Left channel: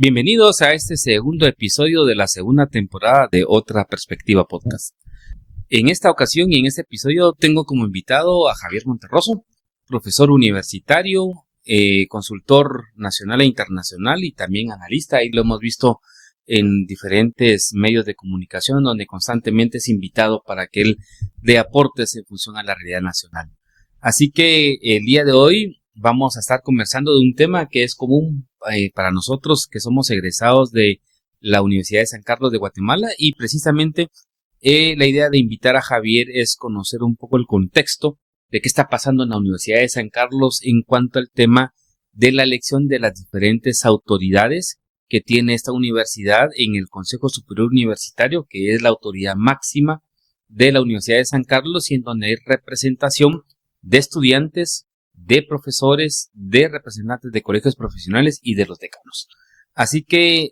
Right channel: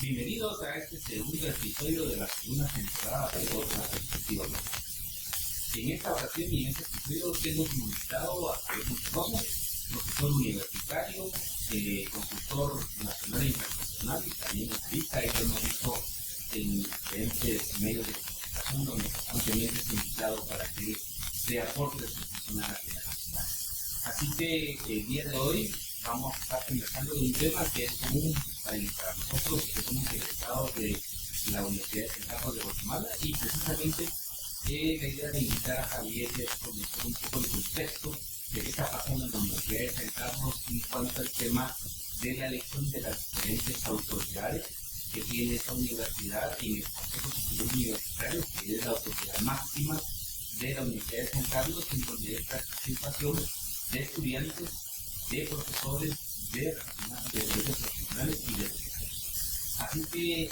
Bienvenidos a este segundo episodio de la segunda temporada de Otra Perspectiva Podcast. En esta ocasión y en este episodio tengo como invitado a Javier Monterroso, profesor universitario, consultor nacional e internacional y también analista. Ahí lo hemos visto en diferentes medios de comunicación donde constantemente es invitado para que él dé aportes en función a la realidad nacional. Así que el día de hoy vamos a estar conversando de un tema que es común para nosotros que somos egresados de la Universidad de San Carlos de Guatemala, y precisamente la idea de invitar a Javier es conocer un poco el contexto de qué está pasando en la Universidad de San Carlos en cuanto al tema de la elección de las diferentes autoridades que tiene esta universidad en el Consejo Superior Universitario, que es la autoridad máxima de la Universidad de San Carlos y en donde hay representación de estudiantes, de profesores, de representantes de colegios profesionales y de los decanos. Así que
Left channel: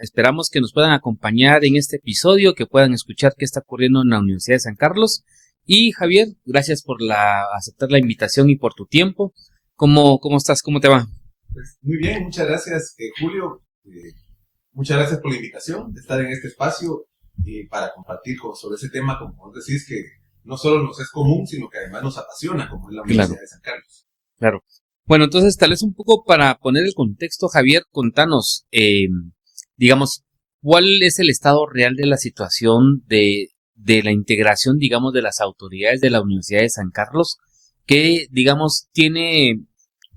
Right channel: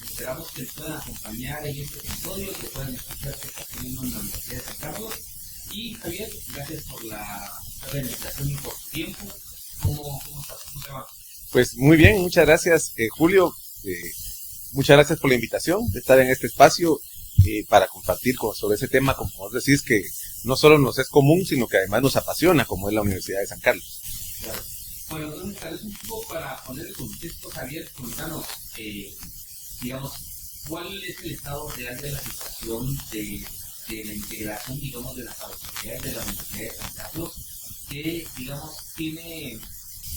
esperamos que nos puedan acompañar en este episodio, que puedan escuchar qué está ocurriendo en la Universidad de San Carlos. Y Javier, gracias por aceptar la invitación y por tu tiempo. ¿Cómo estás? ¿Cómo te va? Pues muy bien, muchas gracias, Julio. Muchas gracias por la invitación de estar en este espacio para compartir sobre ese tema, como vos decís, que no solo nos es común, sino que además nos apasiona, como es la Universidad de San Carlos. Claro. Bueno, entonces tal vez un poco para poner el contexto, Javier, contanos, digamos, ¿cuál es el estado real de la situación de la integración, digamos, de las autoridades de la Universidad de San Carlos, que, digamos, tiene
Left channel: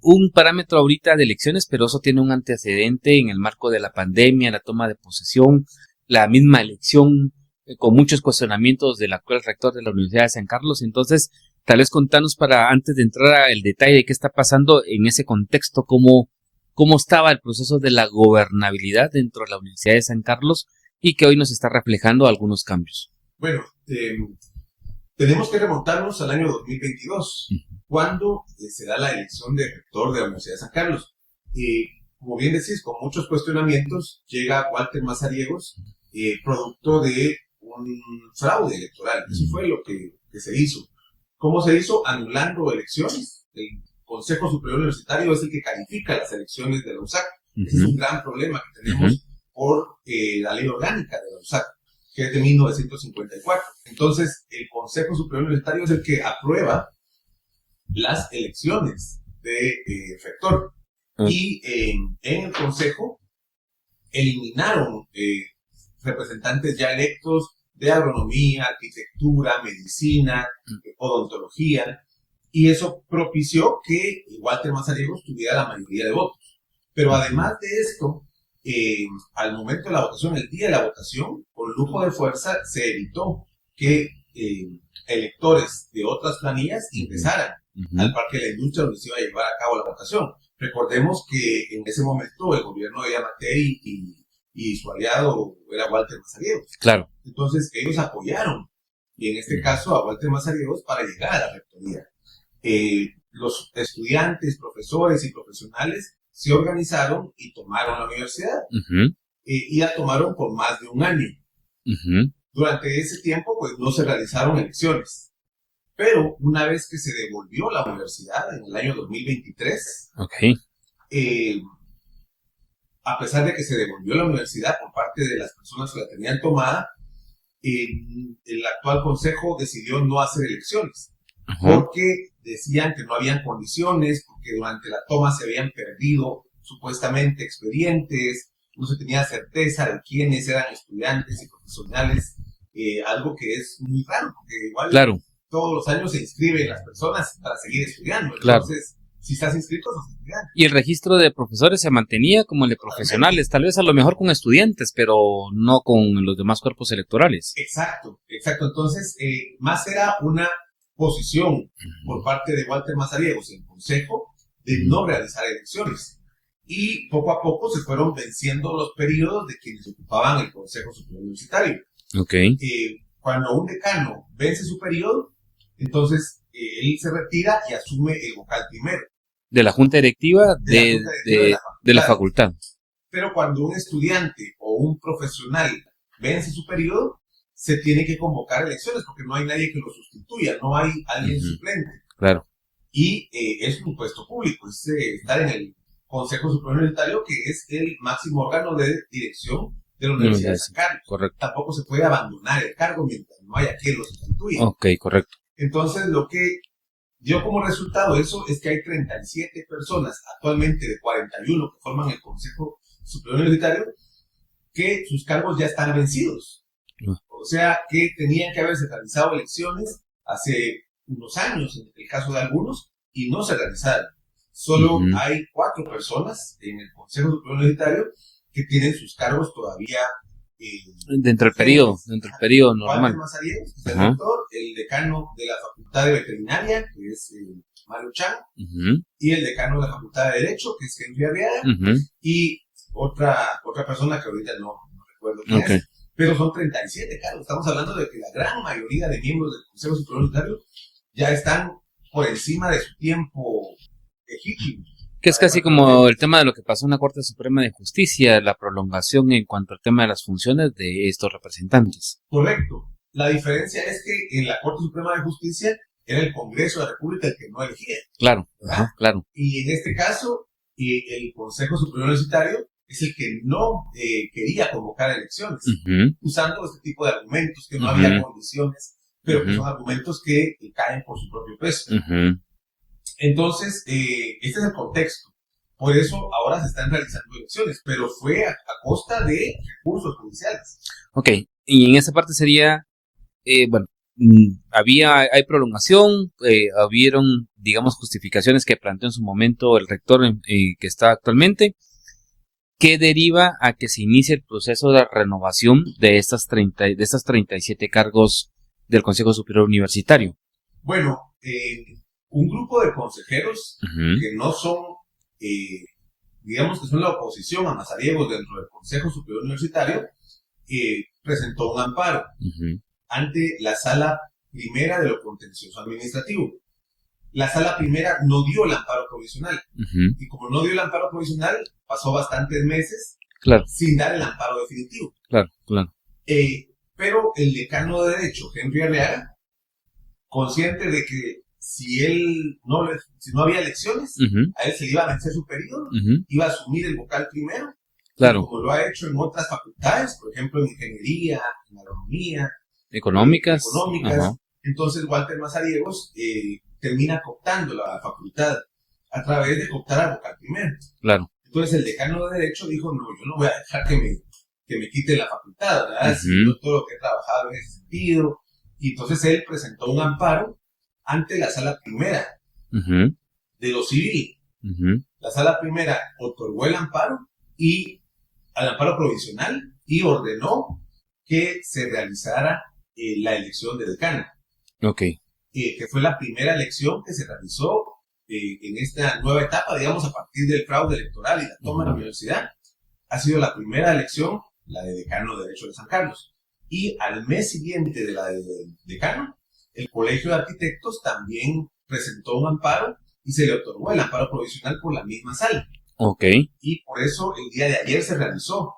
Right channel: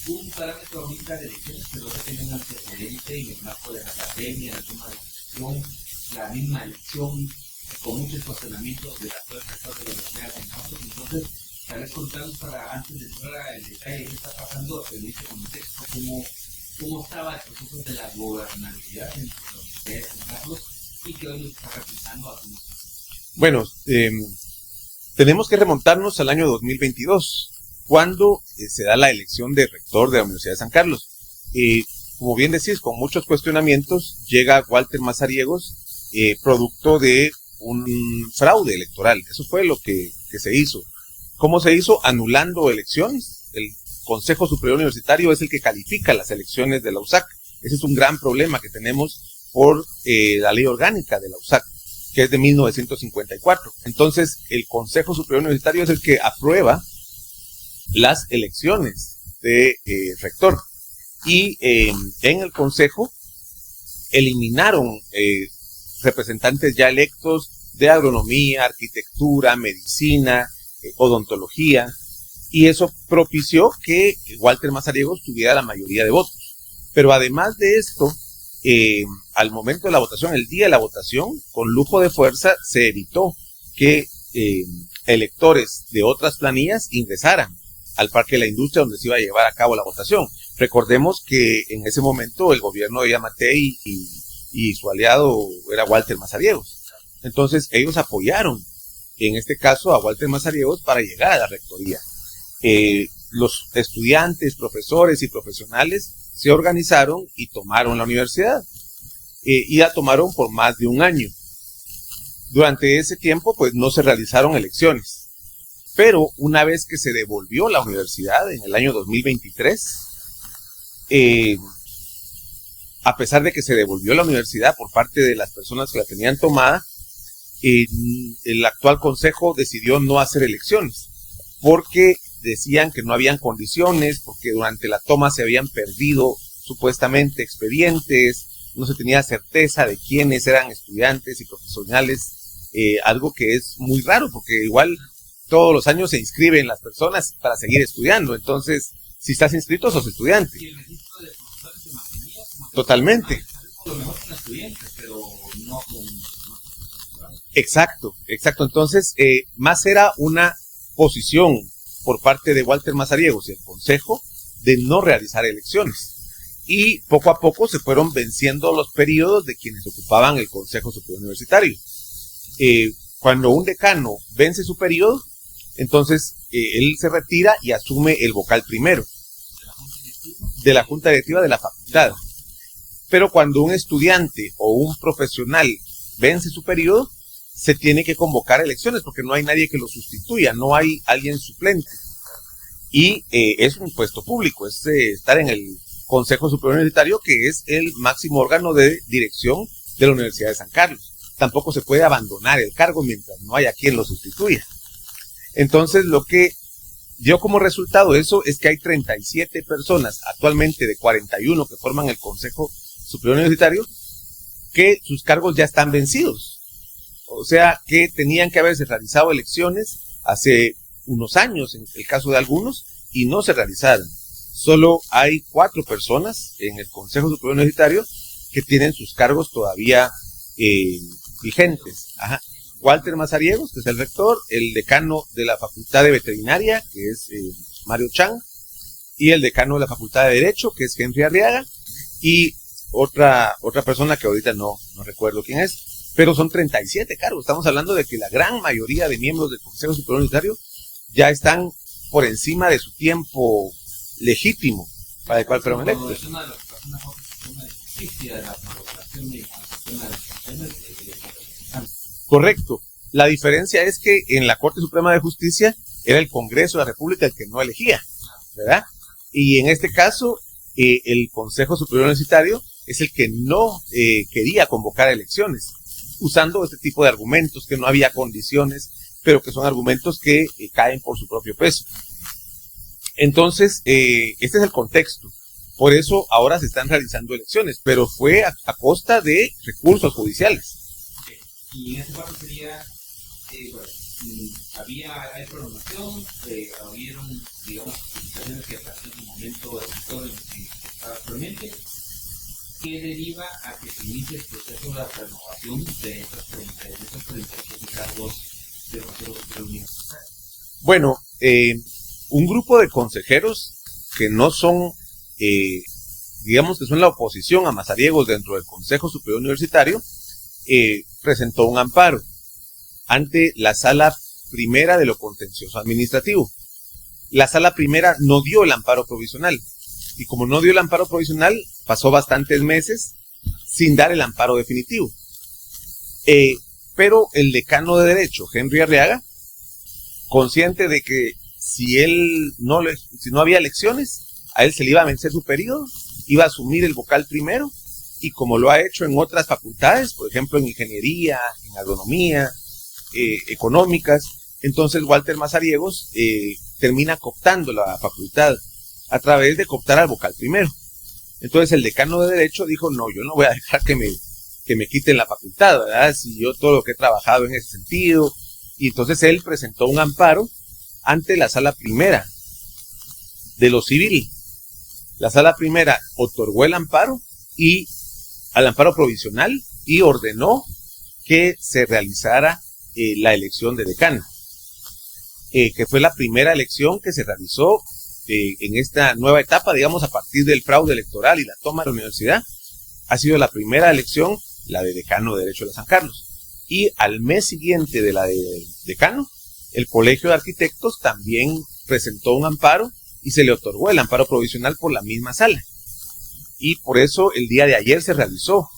un parámetro ahorita de elecciones, pero eso tiene un antecedente en el marco de la pandemia, la toma de posesión, la misma elección, con muchos cuestionamientos del actual rector de la Universidad de San Carlos? Entonces, tal vez contanos para, antes de entrar al detalle de qué está pasando en ese contexto, cómo estaba el proceso de la gobernabilidad dentro de la Universidad de San Carlos y que hoy nos está reflejando algunos cambios. Bueno, tenemos que remontarnos al año 2022, cuando se da la elección de rector de la Universidad de San Carlos. Como bien decís, con muchos cuestionamientos, llega Walter Mazariegos, producto de un fraude electoral. Eso fue lo que se hizo. ¿Cómo se hizo? Anulando elecciones. El Consejo Superior Universitario es el que califica las elecciones de la USAC. Ese es un gran problema que tenemos por la ley orgánica de la USAC, que es de 1954. Entonces, el Consejo Superior Universitario es el que aprueba las elecciones de rector. Y en el Consejo eliminaron representantes ya electos de agronomía, arquitectura, medicina, odontología, y eso propició que Walter Mazariegos tuviera la mayoría de votos. Pero además de esto, al momento de la votación, el día de la votación, con lujo de fuerza, se evitó que electores de otras planillas ingresaran al Parque de la Industria, donde se iba a llevar a cabo la votación. Recordemos que en ese momento el gobierno de Yamatei y su aliado era Walter Mazariegos. Claro. Entonces ellos apoyaron, en este caso, a Walter Mazariegos para llegar a la rectoría. Los estudiantes, profesores y profesionales se organizaron y tomaron la universidad. Y la tomaron por más de un año. Durante ese tiempo, pues no se realizaron elecciones. Pero una vez que se devolvió la universidad en el año 2023, a pesar de que se devolvió la universidad por parte de las personas que la tenían tomada, el actual consejo decidió no hacer elecciones, porque decían que no habían condiciones, porque durante la toma se habían perdido supuestamente expedientes, no se tenía certeza de quiénes eran estudiantes y profesionales, algo que es muy raro, porque igual todos los años se inscriben las personas para seguir estudiando, entonces si estás inscrito sos estudiante. Y el registro de profesores se mantenía como el de profesionales, tal vez a lo mejor con estudiantes, pero no con los demás cuerpos electorales. Exacto. Entonces, más era una posición por parte de Walter Mazariegos y el Consejo de no realizar elecciones. Y poco a poco se fueron venciendo los periodos de quienes ocupaban el Consejo Superior Universitario. Cuando un decano vence su periodo, entonces él se retira y asume el vocal primero. De la junta directiva de la junta directiva de la facultad. Pero cuando un estudiante o un profesional vence su periodo, se tiene que convocar elecciones porque no hay nadie que lo sustituya, no hay alguien suplente. Claro. Y es un puesto público, es estar en el Consejo Superior Universitario, que es el máximo órgano de dirección de la Universidad de San Carlos. Correcto. Tampoco se puede abandonar el cargo mientras no haya quien lo sustituya. Ok, correcto. Entonces, lo que dio como resultado eso es que hay 37 personas actualmente de 41 que forman el Consejo Superior Universitario que sus cargos ya están vencidos. O sea, que tenían que haberse realizado elecciones hace unos años, en el caso de algunos, y no se realizaron. Solo hay 4 personas en el Consejo Superior Universitario que tienen sus cargos todavía dentro del periodo normal. Walter Mazariegos, que es el rector, el decano de la Facultad de Veterinaria, que es Mario Chan, y el decano de la Facultad de Derecho, que es Henry Arriaga, y otra persona que ahorita no recuerdo quién es, pero son 37 cargos. Estamos hablando de que la gran mayoría de miembros del Consejo Superior Universitario ya están por encima de su tiempo legítimo. Que es casi como el tema de lo que pasó en la Corte Suprema de Justicia, la prolongación en cuanto al tema de las funciones de estos representantes. Correcto. La diferencia es que en la Corte Suprema de Justicia era el Congreso de la República el que no elegía. Claro. ¿Verdad? Claro. Y en este caso, el Consejo Superior Universitario es el que no quería convocar elecciones, usando este tipo de argumentos, que no había condiciones, pero que son argumentos que caen por su propio peso. Entonces, este es el contexto. Por eso ahora se están realizando elecciones, pero fue a costa de recursos judiciales. Ok, y en esa parte sería, hay prolongación, hubieron, digamos, justificaciones que planteó en su momento el rector que está actualmente, que deriva a que se inicie el proceso de renovación de estas 37 cargos del Consejo Superior Universitario. Bueno, un grupo de consejeros que no son, digamos que son la oposición a Mazariegos dentro del Consejo Superior Universitario, presentó un amparo ante la Sala Primera de lo Contencioso Administrativo. La Sala Primera no dio el amparo provisional, y como no dio el amparo provisional, pasó bastantes meses sin dar el amparo definitivo. Claro. Pero el decano de Derecho, Henry Arriaga, consciente de que si no había elecciones, a él se le iba a vencer su periodo, iba a asumir el vocal primero, y como lo ha hecho en otras facultades, por ejemplo en ingeniería, en agronomía, económicas. Entonces Walter Mazariegos termina cooptando la facultad a través de cooptar al vocal primero. Claro. Entonces el decano de Derecho dijo, no, yo no voy a dejar que me quiten la facultad, ¿verdad? Si yo todo lo que he trabajado en ese sentido. Y entonces él presentó un amparo ante la Sala Primera de lo civil. La Sala Primera otorgó el amparo al amparo provisional y ordenó que se realizara la elección de decano. Que fue la primera elección que se realizó en esta nueva etapa, digamos, a partir del fraude electoral y la toma de la universidad. Ha sido la primera elección, la de decano de Derecho de San Carlos. Y al mes siguiente de la de decano, el Colegio de Arquitectos también presentó un amparo y se le otorgó el amparo provisional por la misma sala. Y por eso el día de ayer se realizó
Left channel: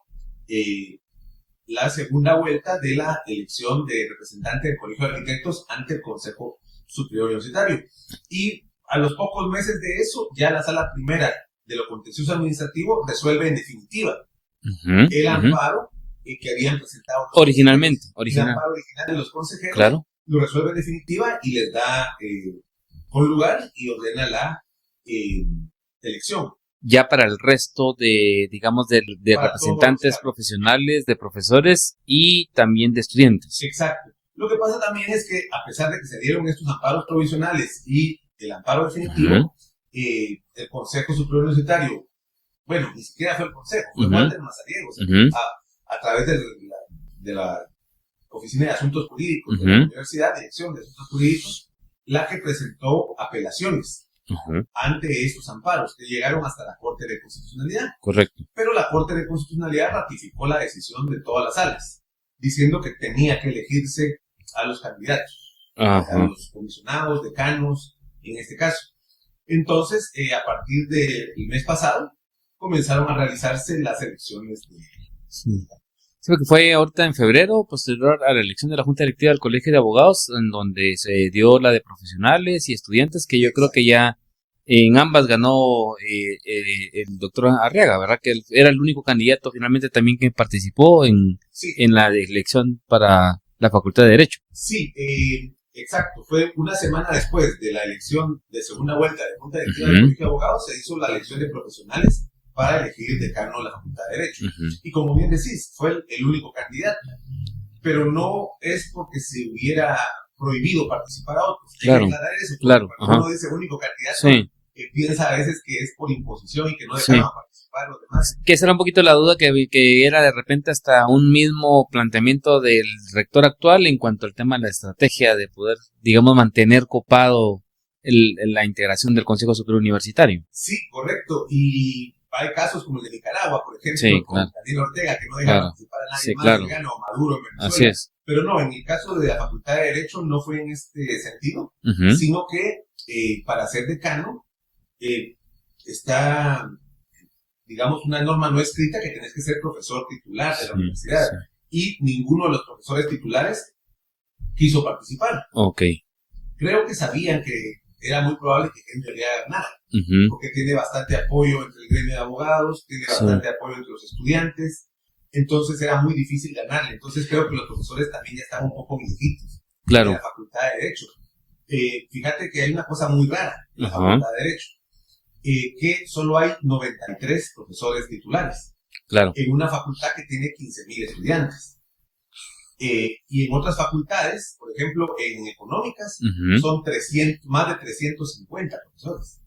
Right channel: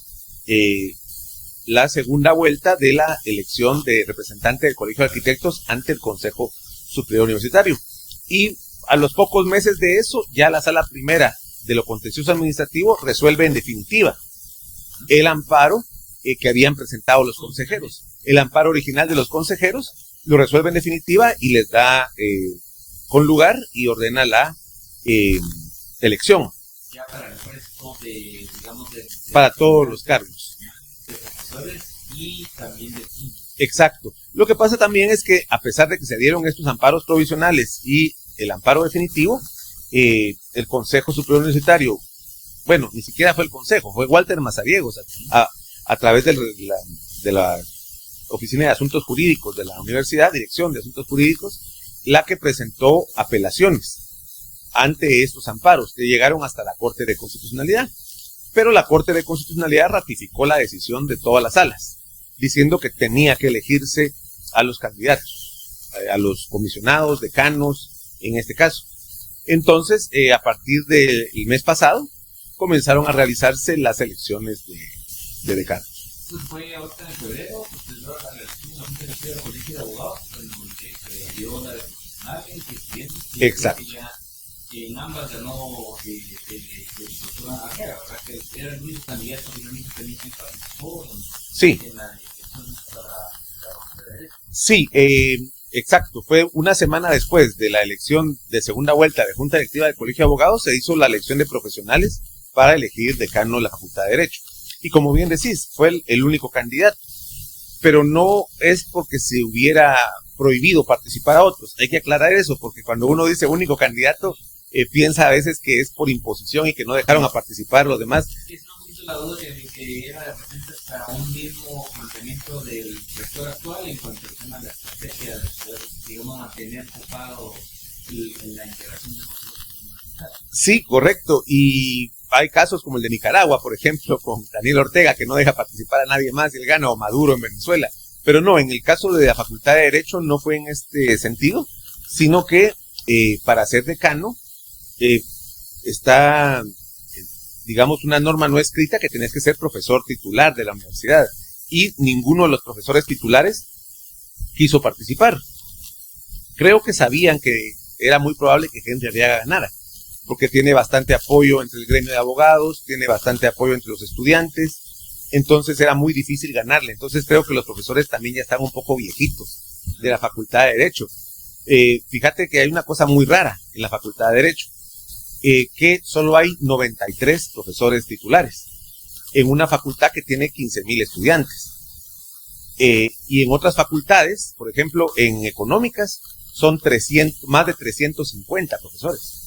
la segunda vuelta de la elección de representante del Colegio de Arquitectos ante el Consejo Superior Universitario. Y a los pocos meses de eso, ya la Sala Primera de lo Contencioso Administrativo resuelve en definitiva el amparo que habían presentado los originalmente. El amparo original de los consejeros lo resuelve en definitiva y les da con lugar y ordena la elección. Ya para el resto de, digamos, de representantes profesionales, de profesores y también de estudiantes. Exacto. Lo que pasa también es que a pesar de que se dieron estos amparos provisionales y el amparo definitivo, el Consejo Superior Universitario, bueno, ni siquiera fue el Consejo, fue Walter Mazariegos, a través de la Oficina de Asuntos Jurídicos de la Universidad, Dirección de Asuntos Jurídicos, la que presentó apelaciones ante estos amparos que llegaron hasta la Corte de Constitucionalidad. Correcto. Pero la Corte de Constitucionalidad ratificó la decisión de todas las salas, diciendo que tenía que elegirse a los candidatos, a los comisionados, decanos, en este caso. Entonces, a partir del mes pasado, comenzaron a realizarse las elecciones de decanos. Creo que fue ahorita en febrero, posterior a la elección de la Junta Directiva del Colegio de Abogados, en donde se dio la de profesionales y estudiantes, que yo creo que ya En ambas ganó el doctor Arriaga, ¿verdad? Que él era el único candidato finalmente también que participó Sí, en la elección para la Facultad de Derecho. sí, exacto. Fue una semana después de la elección de segunda vuelta de Junta Directiva del Colegio de Abogados, se hizo la elección de profesionales para elegir decano de la Facultad de Derecho. Y como bien decís, fue el único candidato. Pero no es porque se hubiera prohibido participar a otros. Hay que aclarar eso, porque cuando uno dice único candidato, piensa a veces que es por imposición y que no dejaron a participar los demás. Que esa era un poquito la duda que era de repente hasta un mismo planteamiento del rector actual en cuanto al tema de la estrategia de poder, digamos, mantener copado la integración del Consejo Superior Universitario. Sí, correcto. Y hay casos como el de Nicaragua, por ejemplo, con Daniel Ortega, que no deja participar a nadie más, el gana o Maduro en Venezuela. Pero no, en el caso de la Facultad de Derecho no fue en este sentido, sino que para ser decano está, digamos, una norma no escrita que tenés que ser profesor titular de la universidad. Y ninguno de los profesores titulares quiso participar. Creo que sabían que era muy probable que Henry Arriaga ganara, porque tiene bastante apoyo entre el gremio de abogados, tiene bastante apoyo entre los estudiantes, entonces era muy difícil ganarle. Entonces creo que los profesores también ya estaban un poco viejitos de la Facultad de Derecho. Fíjate que hay una cosa muy rara en la Facultad de Derecho, que solo hay 93 profesores titulares en una facultad que tiene 15,000 estudiantes. Y en otras facultades, por ejemplo, en económicas, son más de 350 profesores.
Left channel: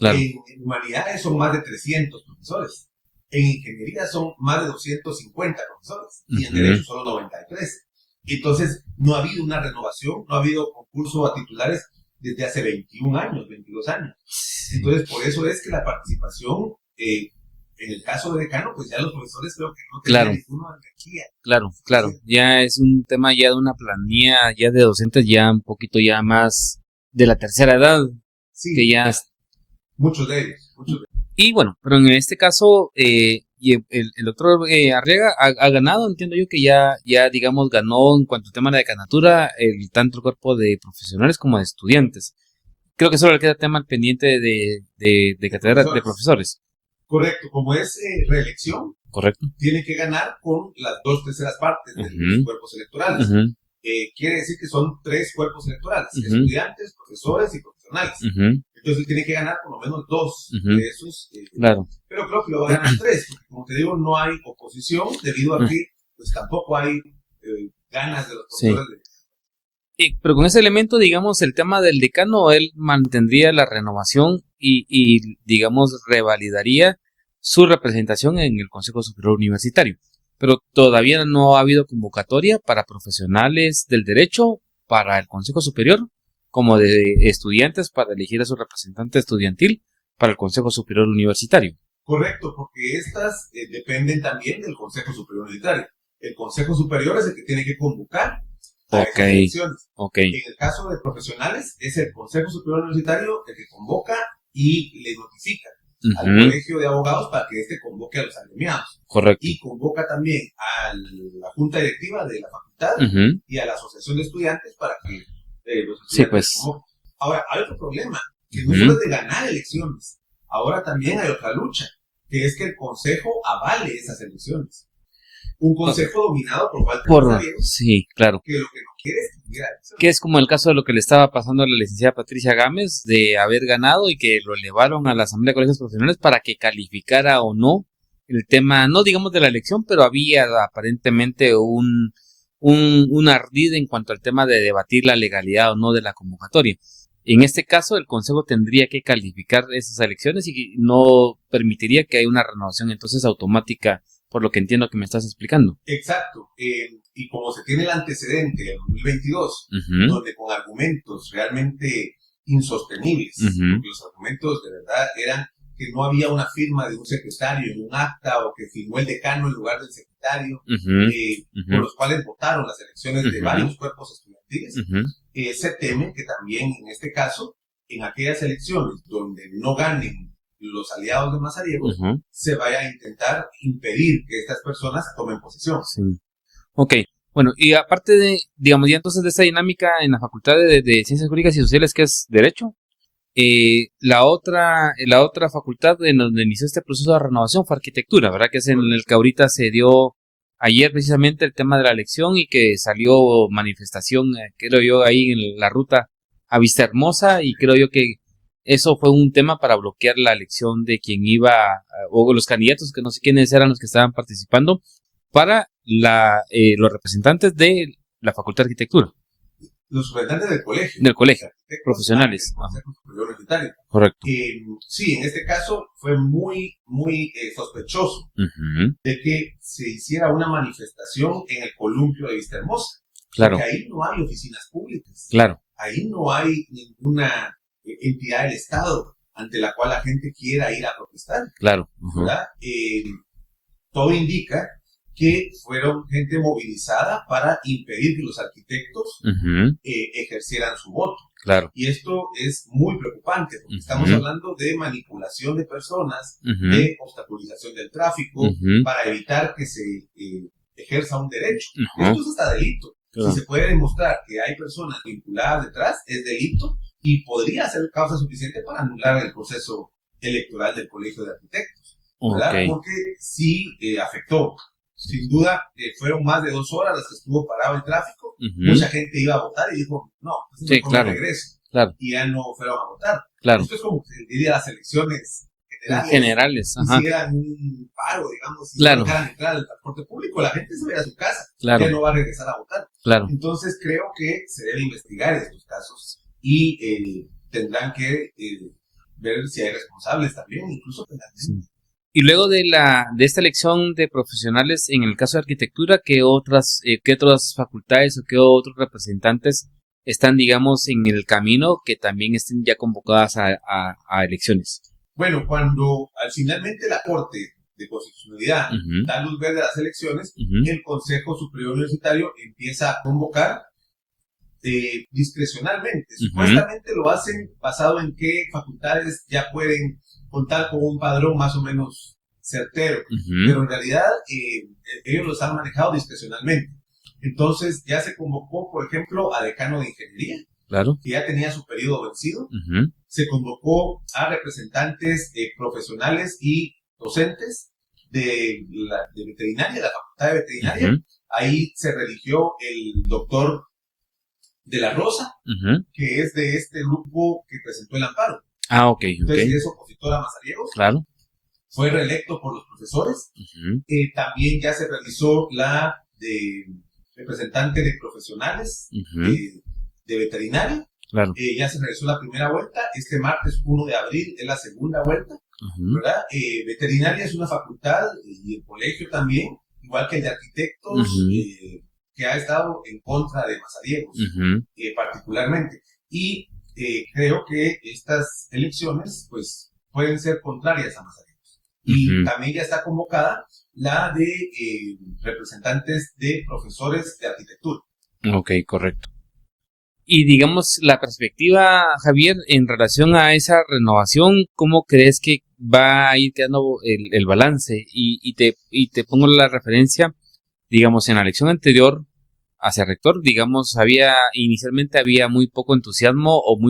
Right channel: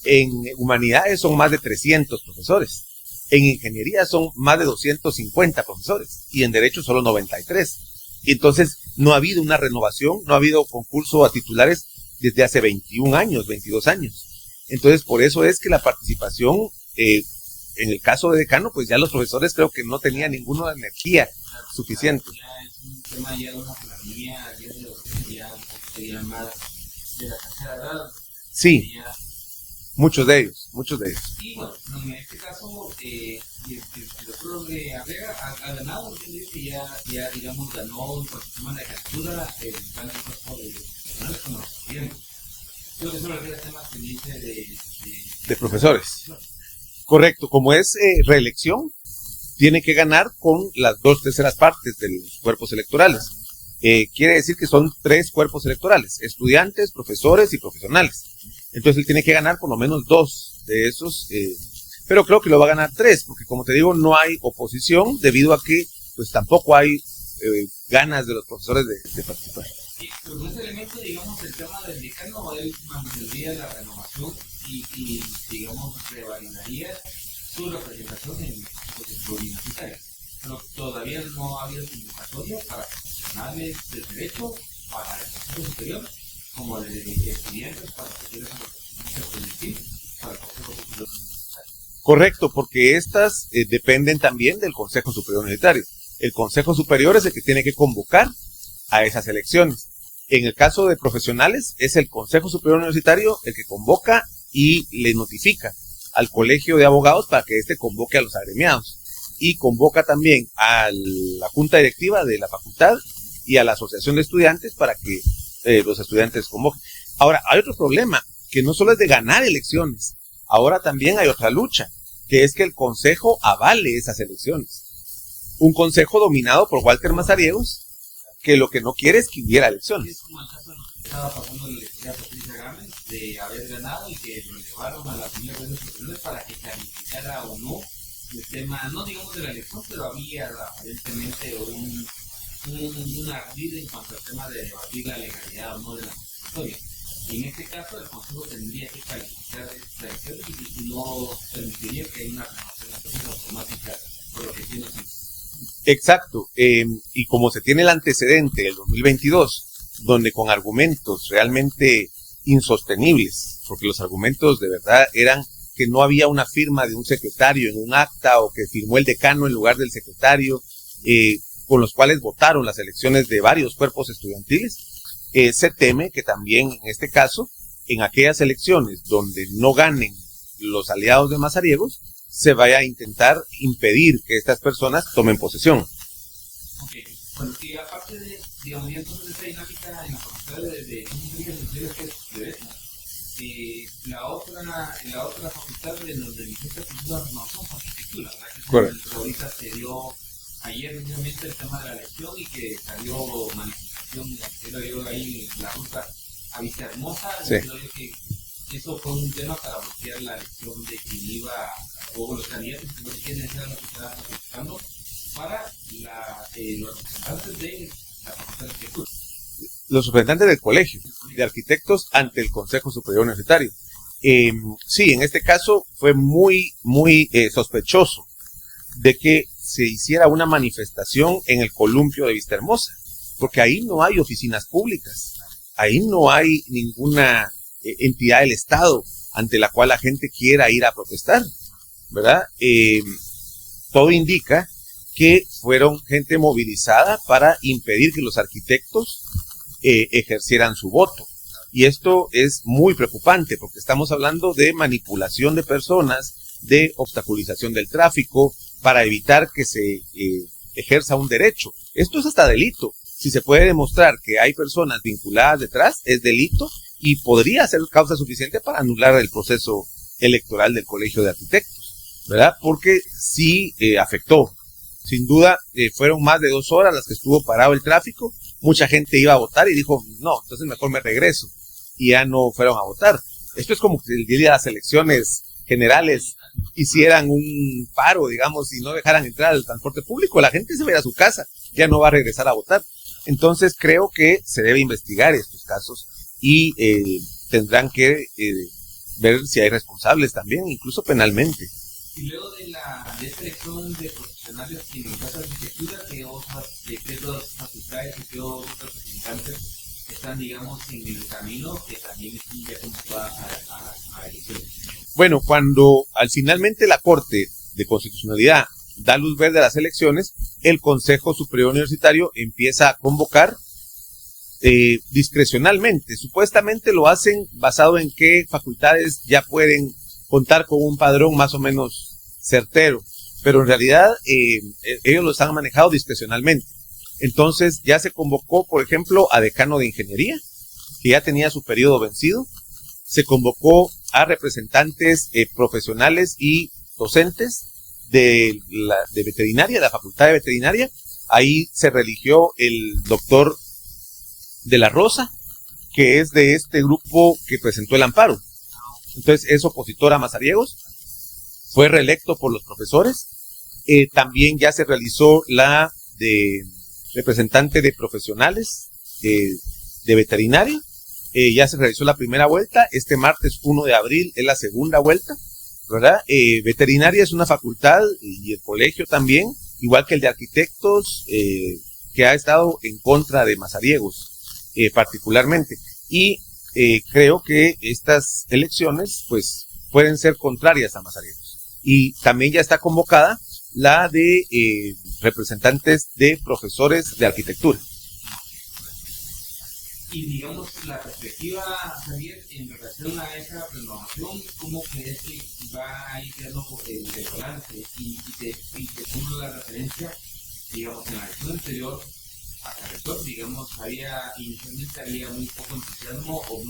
En humanidades son más de 300 profesores. En ingeniería son más de 250 profesores. Y en derecho solo 93. Y entonces no ha habido una renovación, no ha habido concurso a titulares desde hace 21 años, 22 años. Entonces, por eso es que la participación, en el caso de decano, pues ya los profesores creo que no tenían ninguna energía. Claro. Ya es un tema ya de una planilla ya de docentes ya un poquito ya más de la tercera edad. Sí. Que ya... Muchos de ellos. Y bueno, pero en este caso, el doctor Arriaga ha ganado, entiendo yo que ya digamos ganó en cuanto al tema de la decanatura, tanto el cuerpo de profesionales como de estudiantes. Creo que solo le queda tema pendiente de cátedra de profesores. Correcto, como es reelección, tiene que ganar con las 2/3 partes de los cuerpos electorales. Quiere decir que son 3 cuerpos electorales, estudiantes, profesores y profesionales. Entonces él tiene que ganar por lo menos 2 de esos. Pero creo que lo va a ganar 3, porque como te digo, no hay oposición debido a que pues tampoco hay ganas de los profesores de participar. Pero con ese elemento, digamos, el tema del decano, él mantendría la renovación y digamos, revalidaría su representación en el Consejo Superior Universitario. Pero todavía no ha habido convocatoria para profesionales del derecho para el Consejo Superior, como de estudiantes para elegir a su representante estudiantil para el Consejo Superior Universitario. Correcto, porque estas dependen también del Consejo Superior Universitario. El Consejo Superior es el que tiene que convocar a esas elecciones. En el caso de profesionales, es el Consejo Superior Universitario el que convoca y le notifica al Colegio de Abogados para que éste convoque a los agremiados. Y convoca también a la Junta Directiva de la facultad y a la Asociación de Estudiantes para que los estudiantes convoquen. Ahora, hay otro problema, que no solo es de ganar elecciones, ahora también hay otra lucha, que es que el Consejo avale esas elecciones. Un consejo dominado por Walter Mazariegos, que lo que no quiere es que hubiera elecciones. Que es como el caso de lo que le estaba pasando a la licenciada Patricia Gámez, de haber ganado y que lo elevaron a la Asamblea de Colegios Profesionales para que calificara o no el tema, no digamos de la elección, pero había aparentemente un ardid en cuanto al tema de debatir la legalidad o no de la convocatoria. En este caso, el Consejo tendría que calificar esas elecciones y no permitiría que haya una renovación entonces automática, por lo que entiendo que me estás explicando. Exacto, y como se tiene el antecedente del 2022, donde con argumentos realmente insostenibles, porque los argumentos de verdad eran que no había una firma de un secretario en un acta o que firmó el decano en lugar del secretario, con los cuales votaron las elecciones de varios cuerpos estudiantiles, se teme que también en este caso, en aquellas elecciones donde no ganen los aliados de Mazariegos, se vaya a intentar impedir que estas personas tomen posesión. Bueno, y aparte de, digamos, ya entonces de esa dinámica en la Facultad de Ciencias Jurídicas y Sociales, que es Derecho, la otra facultad en donde inició este proceso de renovación fue arquitectura, ¿verdad? Que es en el que ahorita se dio ayer precisamente el tema de la elección y que salió manifestación, creo yo, ahí en la ruta a Vista Hermosa, y sí, creo yo que eso fue un tema para bloquear la elección de quien iba, o los candidatos, que no sé quiénes eran los que estaban participando, para los representantes de la Facultad de Arquitectura. Los representantes del colegio de arquitectos ante el Consejo Superior Universitario. Correcto. Sí, en este caso fue muy sospechoso de que se hiciera una manifestación en el columpio de Vista Hermosa. Claro. Porque ahí no hay oficinas públicas. Claro. Ahí no hay ninguna entidad del Estado ante la cual la gente quiera ir a protestar. Claro. ¿Verdad? Todo indica que fueron gente movilizada para impedir que los arquitectos ejercieran su voto. Claro. Y esto es muy preocupante porque estamos hablando de manipulación de personas, de obstaculización del tráfico, para evitar que se ejerza un derecho. Esto es hasta delito. Claro. Si se puede demostrar que hay personas vinculadas detrás, es delito y podría ser causa suficiente para anular el proceso electoral del Colegio de Arquitectos, ¿verdad? Okay. Porque sí afectó. Sin duda, fueron más de 2 horas las que estuvo parado el tráfico. Mucha gente iba a votar y dijo, no, entonces mejor me regreso. Claro. Y ya no fueron a votar. Claro. Esto es como que el día de las elecciones generales hicieran un paro, digamos, y no dejaran entrar al transporte público. La gente se va a ir a su casa, ya no va a regresar a votar. Claro. Entonces, creo que se debe investigar estos casos y tendrán que ver si hay responsables también, incluso penalmente. Y luego de esta elección de profesionales, en el caso de arquitectura, ¿qué otras facultades o qué otros representantes están, digamos, en el camino que también estén ya convocadas a elecciones? Bueno, cuando finalmente la Corte de Constitucionalidad da luz verde a las elecciones, el Consejo Superior Universitario empieza a convocar discrecionalmente. Supuestamente lo hacen basado en qué facultades ya pueden contar con un padrón más o menos certero, pero en realidad ellos los han manejado discrecionalmente. Entonces ya se convocó, por ejemplo, a decano de ingeniería, claro, que ya tenía su periodo vencido. Se convocó a representantes profesionales y docentes de veterinaria, de la Facultad de Veterinaria. Ahí se religió el doctor de la Rosa, que es de este grupo que presentó el amparo. Ok. Entonces es opositor a Mazariegos. Claro. Fue reelecto por los profesores. También ya se realizó la de representante de profesionales de veterinaria. Claro. Ya se realizó la primera vuelta. Este martes 1 de abril es la segunda vuelta, ¿verdad? Veterinaria es una facultad y el colegio también, igual que el de arquitectos, que ha estado en contra de Mazariegos, particularmente. Y creo que estas elecciones pues pueden ser contrarias a Mazariegos. Y también ya está convocada la de representantes de profesores de arquitectura. Ok, correcto. Y digamos, la perspectiva, Javier, en relación a esa renovación, ¿cómo crees que va a ir quedando el balance? Y te pongo la referencia, digamos, en la elección anterior hacia rector, digamos, inicialmente había muy poco entusiasmo o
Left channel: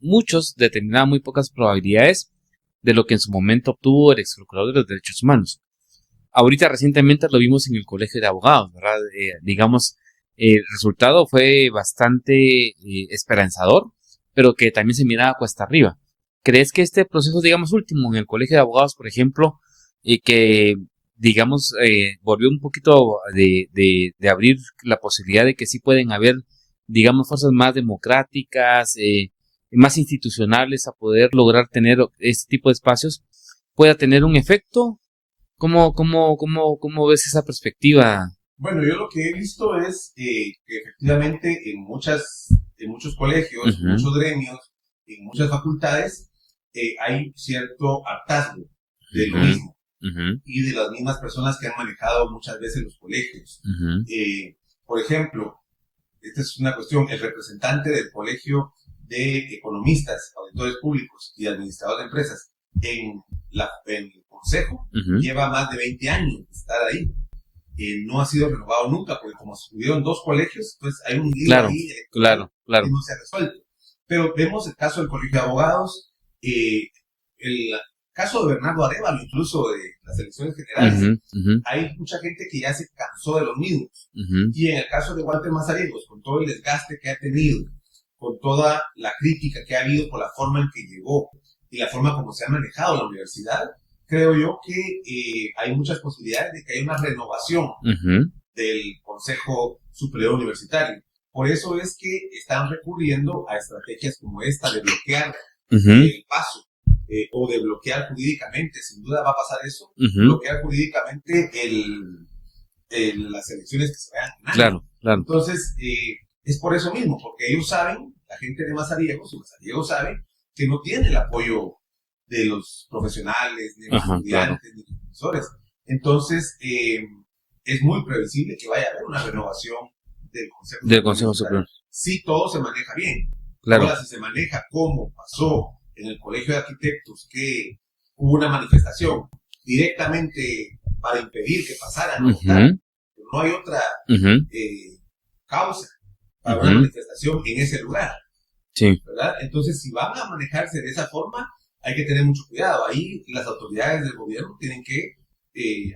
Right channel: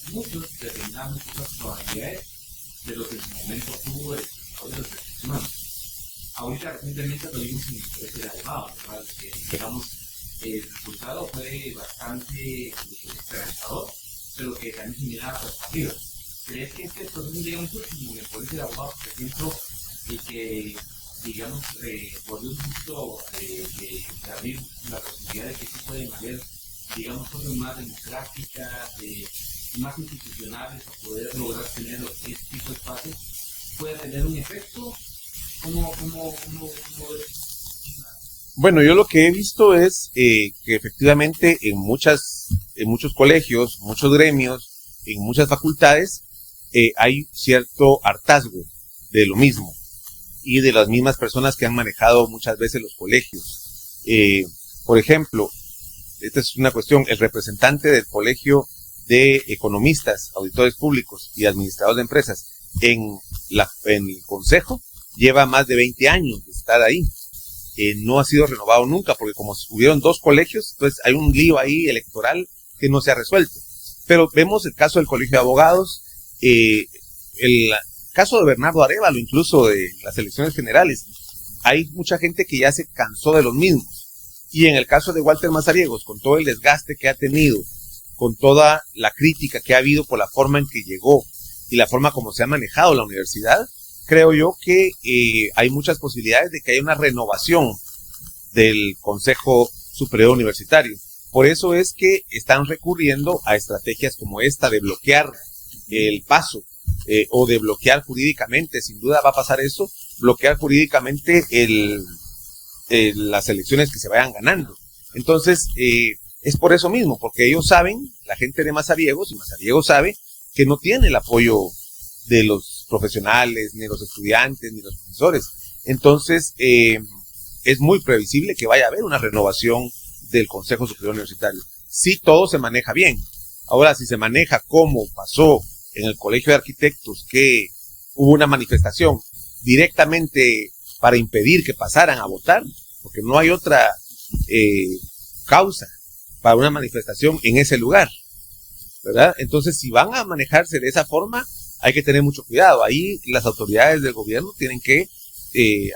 muchos determinaban muy pocas probabilidades de lo que en su momento obtuvo el ex procurador de los derechos humanos. Ahorita recientemente lo vimos en el colegio de abogados, ¿verdad? Digamos, el resultado fue bastante esperanzador, pero que también se miraba cuesta arriba. ¿Crees que este proceso, digamos, último en el colegio de abogados, por ejemplo, que digamos, volvió un poquito de abrir la posibilidad de que sí pueden haber, digamos, fuerzas más democráticas, más institucionales a poder lograr tener este tipo de espacios, pueda tener un efecto? ¿Cómo ves esa perspectiva? Bueno, yo lo que he visto es que efectivamente en muchos colegios, muchos gremios, en muchas facultades, hay cierto hartazgo de lo mismo. Y de las mismas personas que han manejado muchas veces los colegios. Por ejemplo, esta es una cuestión, el representante del Colegio de Economistas, Auditores Públicos y Administradores de Empresas en el Consejo lleva más de 20 años de estar ahí. No ha sido renovado nunca, porque como hubieron 2 colegios, entonces hay un lío ahí electoral que no se ha resuelto. Pero vemos el caso del Colegio de Abogados, el caso de Bernardo Arévalo, incluso de las elecciones generales. Hay mucha gente que ya se cansó de los mismos. Y en el caso de Walter Mazariegos, con todo el desgaste que ha tenido, con toda la crítica que ha habido por la forma en que llegó y la forma como se ha manejado la universidad, creo yo que hay muchas posibilidades de que haya una renovación del Consejo Superior Universitario. Por eso es que están recurriendo a estrategias como esta de bloquear el paso o de bloquear jurídicamente, sin duda va a pasar eso, bloquear jurídicamente las elecciones que se vayan ganando. Claro. Entonces, es por eso mismo, porque ellos saben, la gente de Mazariegos, y Mazariegos sabe que no tiene el apoyo de los profesionales, ni los estudiantes, ni los profesores. Entonces, es muy previsible que vaya a haber una renovación del Consejo Superior. Si todo se maneja bien. Claro. Ahora, si se maneja como pasó en el Colegio de Arquitectos, que hubo una manifestación directamente para impedir que pasaran a votar, porque no hay otra causa para una manifestación en ese lugar, ¿verdad? Entonces, si van a manejarse de esa forma, hay que tener mucho cuidado. Ahí las autoridades del gobierno tienen que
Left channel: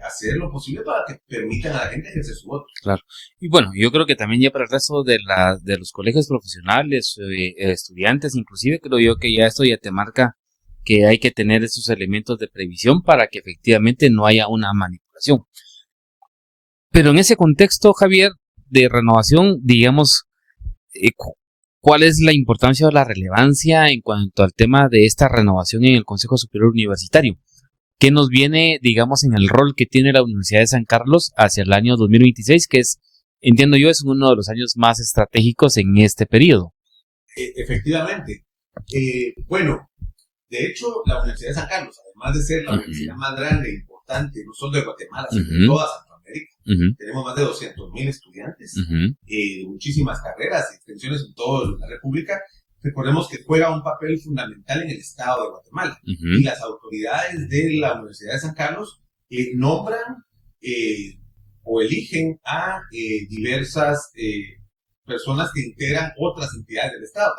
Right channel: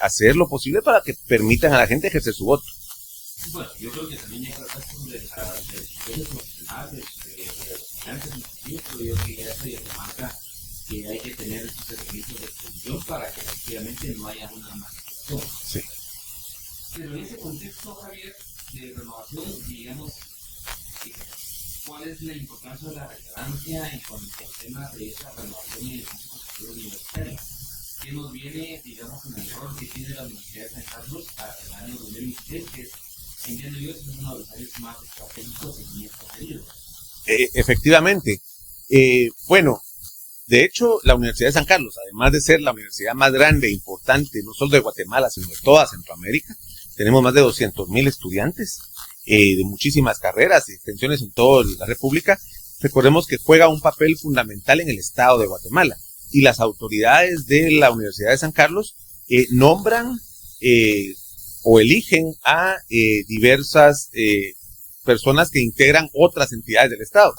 hacer lo posible para que permitan a la gente ejercer su voto. Claro. Y bueno, yo creo que también ya para el resto de los colegios profesionales, estudiantes, inclusive creo yo que ya esto ya te marca que hay que tener esos elementos de previsión para que efectivamente no haya una manipulación. Sí. Pero en ese contexto, Javier, de renovación, digamos, ¿cuál es la importancia o la relevancia en cuanto al tema de esta renovación en el Consejo Superior Universitario? ¿Qué nos viene, digamos, en el rol que tiene la Universidad de San Carlos hacia el año 2026, que es, entiendo yo, es uno de los años más estratégicos en este periodo? Efectivamente. Bueno, de hecho, la Universidad de San Carlos, además de ser la universidad más grande e importante, no solo de Guatemala, sino de toda Centroamérica, tenemos más de 200,000 estudiantes de muchísimas carreras y extensiones en toda la República. Recordemos que juega un papel fundamental en el Estado de Guatemala. Y las autoridades de la Universidad de San Carlos nombran o eligen a diversas personas que integran otras entidades del Estado.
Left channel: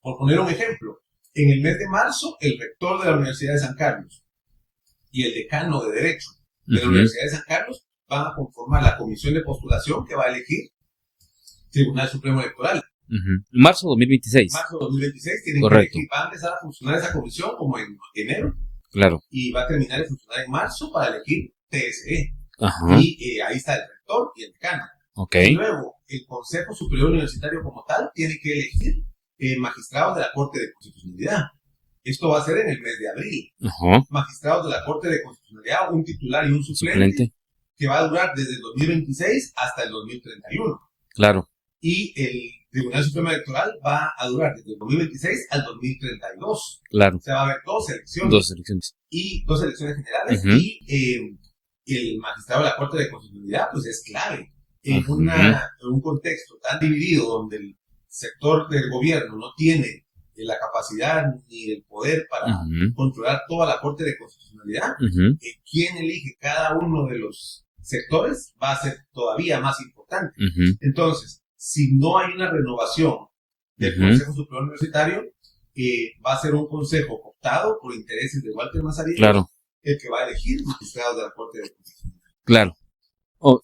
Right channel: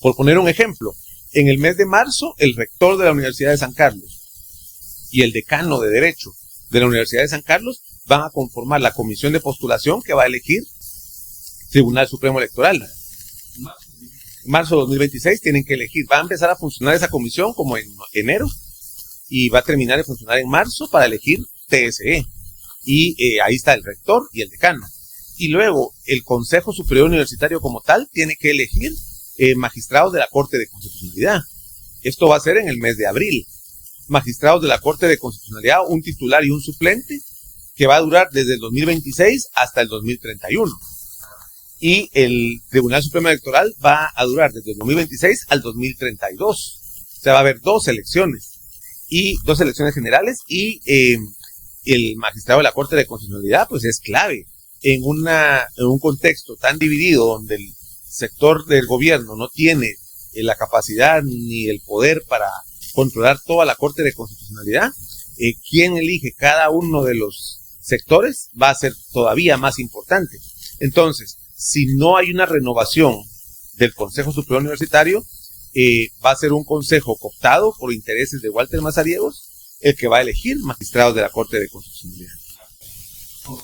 Por poner un ejemplo, en el mes de marzo, el rector de la Universidad de San Carlos y el decano de Derecho de la Universidad de San Carlos van a conformar la comisión de postulación que va a elegir Tribunal Supremo Electoral. Marzo 2026. Marzo 2026 tienen que elegir. Va a empezar a funcionar esa comisión como en enero. Claro. Y va a terminar de funcionar en marzo para elegir TSE. Y ahí está el rector y el decano. Y luego el Consejo Superior Universitario como tal tiene que elegir magistrados de la Corte de Constitucionalidad. Esto va a ser en el mes de abril. Magistrados de la Corte de Constitucionalidad, un titular y un suplente, que va a durar desde el 2026 hasta el 2031. Claro. Y el Tribunal Supremo Electoral va a durar desde el 2026 al 2032. Claro. O sea, va a haber dos elecciones. Y dos elecciones generales. Y el magistrado de la Corte de Constitucionalidad, pues es clave en un contexto tan dividido donde el sector del gobierno no tiene la capacidad ni el poder para controlar toda la Corte de Constitucionalidad. Quien elige cada uno de los sectores va a ser todavía más importante. Entonces, si no hay una renovación del Consejo Superior Universitario, va a ser un consejo cooptado por intereses de Walter Mazariegos, el que va a elegir magistrados de la Corte de Constitucionalidad. Claro.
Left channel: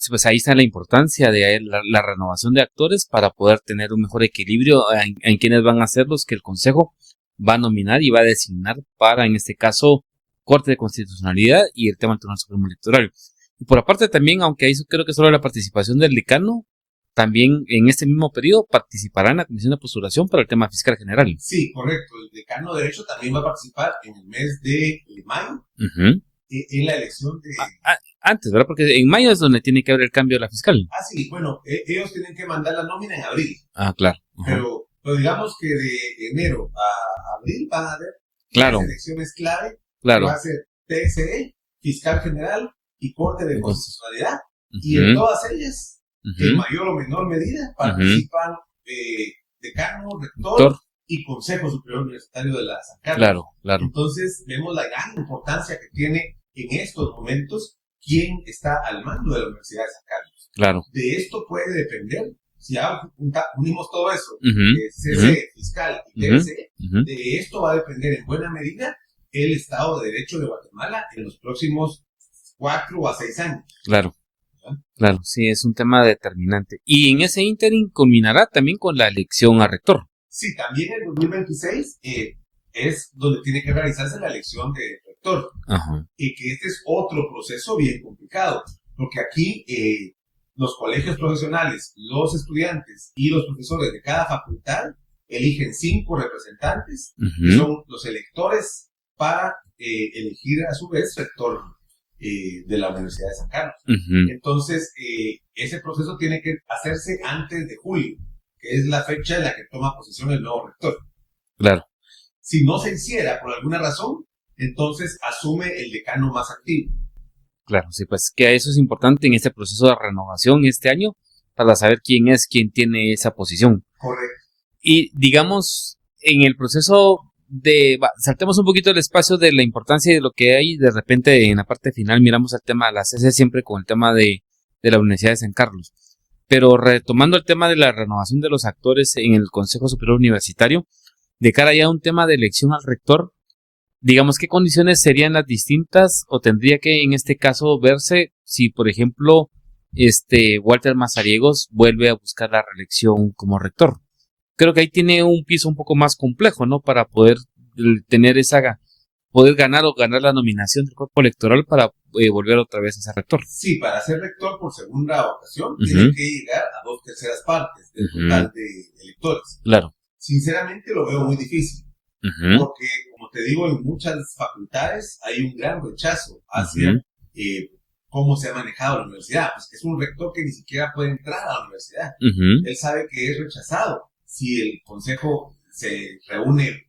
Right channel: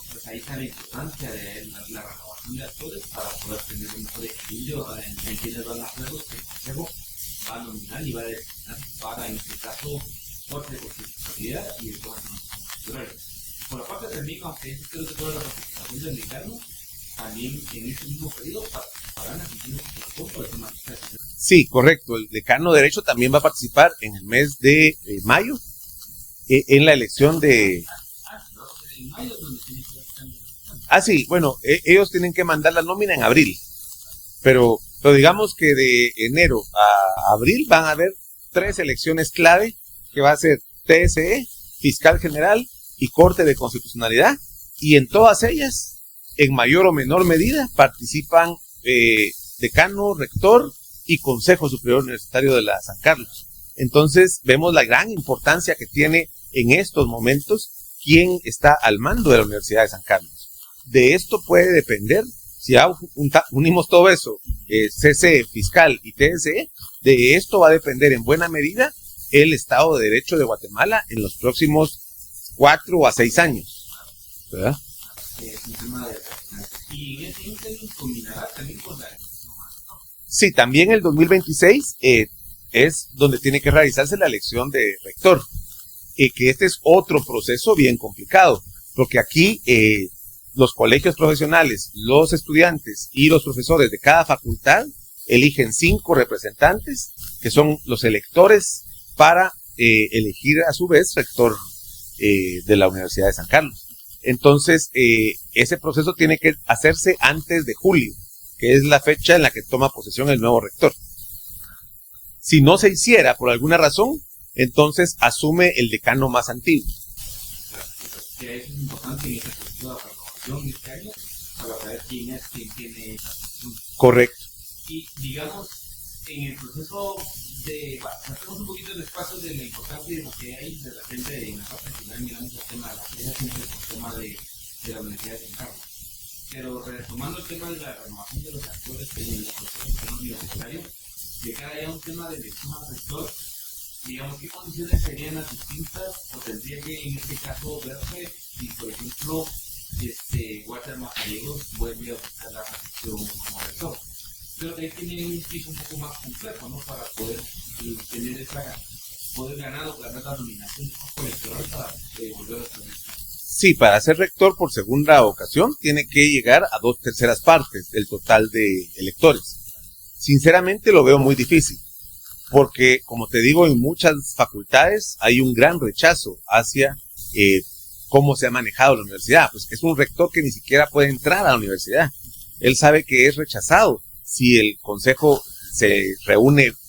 Pues ahí está la importancia de la renovación de actores para poder tener un mejor equilibrio en quienes van a ser los que el Consejo va a nominar y va a designar para, en este caso, Corte de Constitucionalidad y el tema del Tribunal Supremo Electoral. Y por aparte también, aunque ahí creo que solo la participación del decano, también en este mismo periodo participará en la comisión de postulación para el tema fiscal general. Sí, correcto. El decano de Derecho también va a participar en el mes de mayo en la elección de... Antes, ¿verdad? Porque en mayo es donde tiene que haber el cambio de la fiscal. Sí, bueno, ellos tienen que mandar la nómina en abril. Claro. Pero digamos que de enero a abril van a haber tres elecciones clave, que va a ser TSE, Fiscal General y Corte de Constitucionalidad. Y en todas ellas, en mayor o menor medida, participan decano, rector y Consejo Superior Universitario de la San Carlos. Claro. Entonces, vemos la gran importancia que tiene en estos momentos quién está al mando de la Universidad de San Carlos. Claro. De esto puede depender Si ya unimos todo eso, CC, fiscal y TSE, de esto va a depender en buena medida el Estado de Derecho de Guatemala en los próximos 4 a 6 años. Claro. ¿Verdad? Claro, sí, es un tema determinante. Y en ese ínterin culminará también con la elección a rector. Sí, también el 2026 es donde tiene que realizarse la elección de rector. Ajá. Que este es otro proceso bien complicado, porque aquí los colegios profesionales, los estudiantes y los profesores de cada facultad eligen 5 representantes, que son los electores, para elegir a su vez rector de la Universidad de San Carlos. Entonces, ese proceso tiene que hacerse antes de julio, que es la fecha en la que toma posesión el nuevo rector. Claro. Si no se hiciera por alguna razón, entonces asume el decano más antiguo. Claro, sí, pues que eso es importante en este proceso de renovación este año, para saber quién tiene esa posición. Correcto. Y digamos, en el proceso saltemos un poquito el espacio de la importancia de lo que hay, de repente en la parte final miramos el tema de la CC siempre con el tema de la Universidad de San Carlos. Pero retomando el tema de la renovación de los actores en el Consejo Superior Universitario, de cara ya a un tema de elección al rector, digamos, ¿qué condiciones serían las distintas o tendría que en este caso verse si, por ejemplo, Walter Mazariegos vuelve a buscar la reelección como rector? Creo que ahí tiene un piso un poco más complejo, ¿no? Para poder tener poder ganar la nominación del cuerpo electoral para volver otra vez a ser rector. Sí, para ser rector por segunda ocasión tiene que llegar a 2/3 partes del total de electores. Claro. Sinceramente lo veo muy difícil, porque como te digo, en muchas facultades hay un gran rechazo hacia cómo se ha manejado la universidad. Pues es un rector que ni siquiera puede entrar a la universidad. Él sabe que es rechazado si el consejo se reúne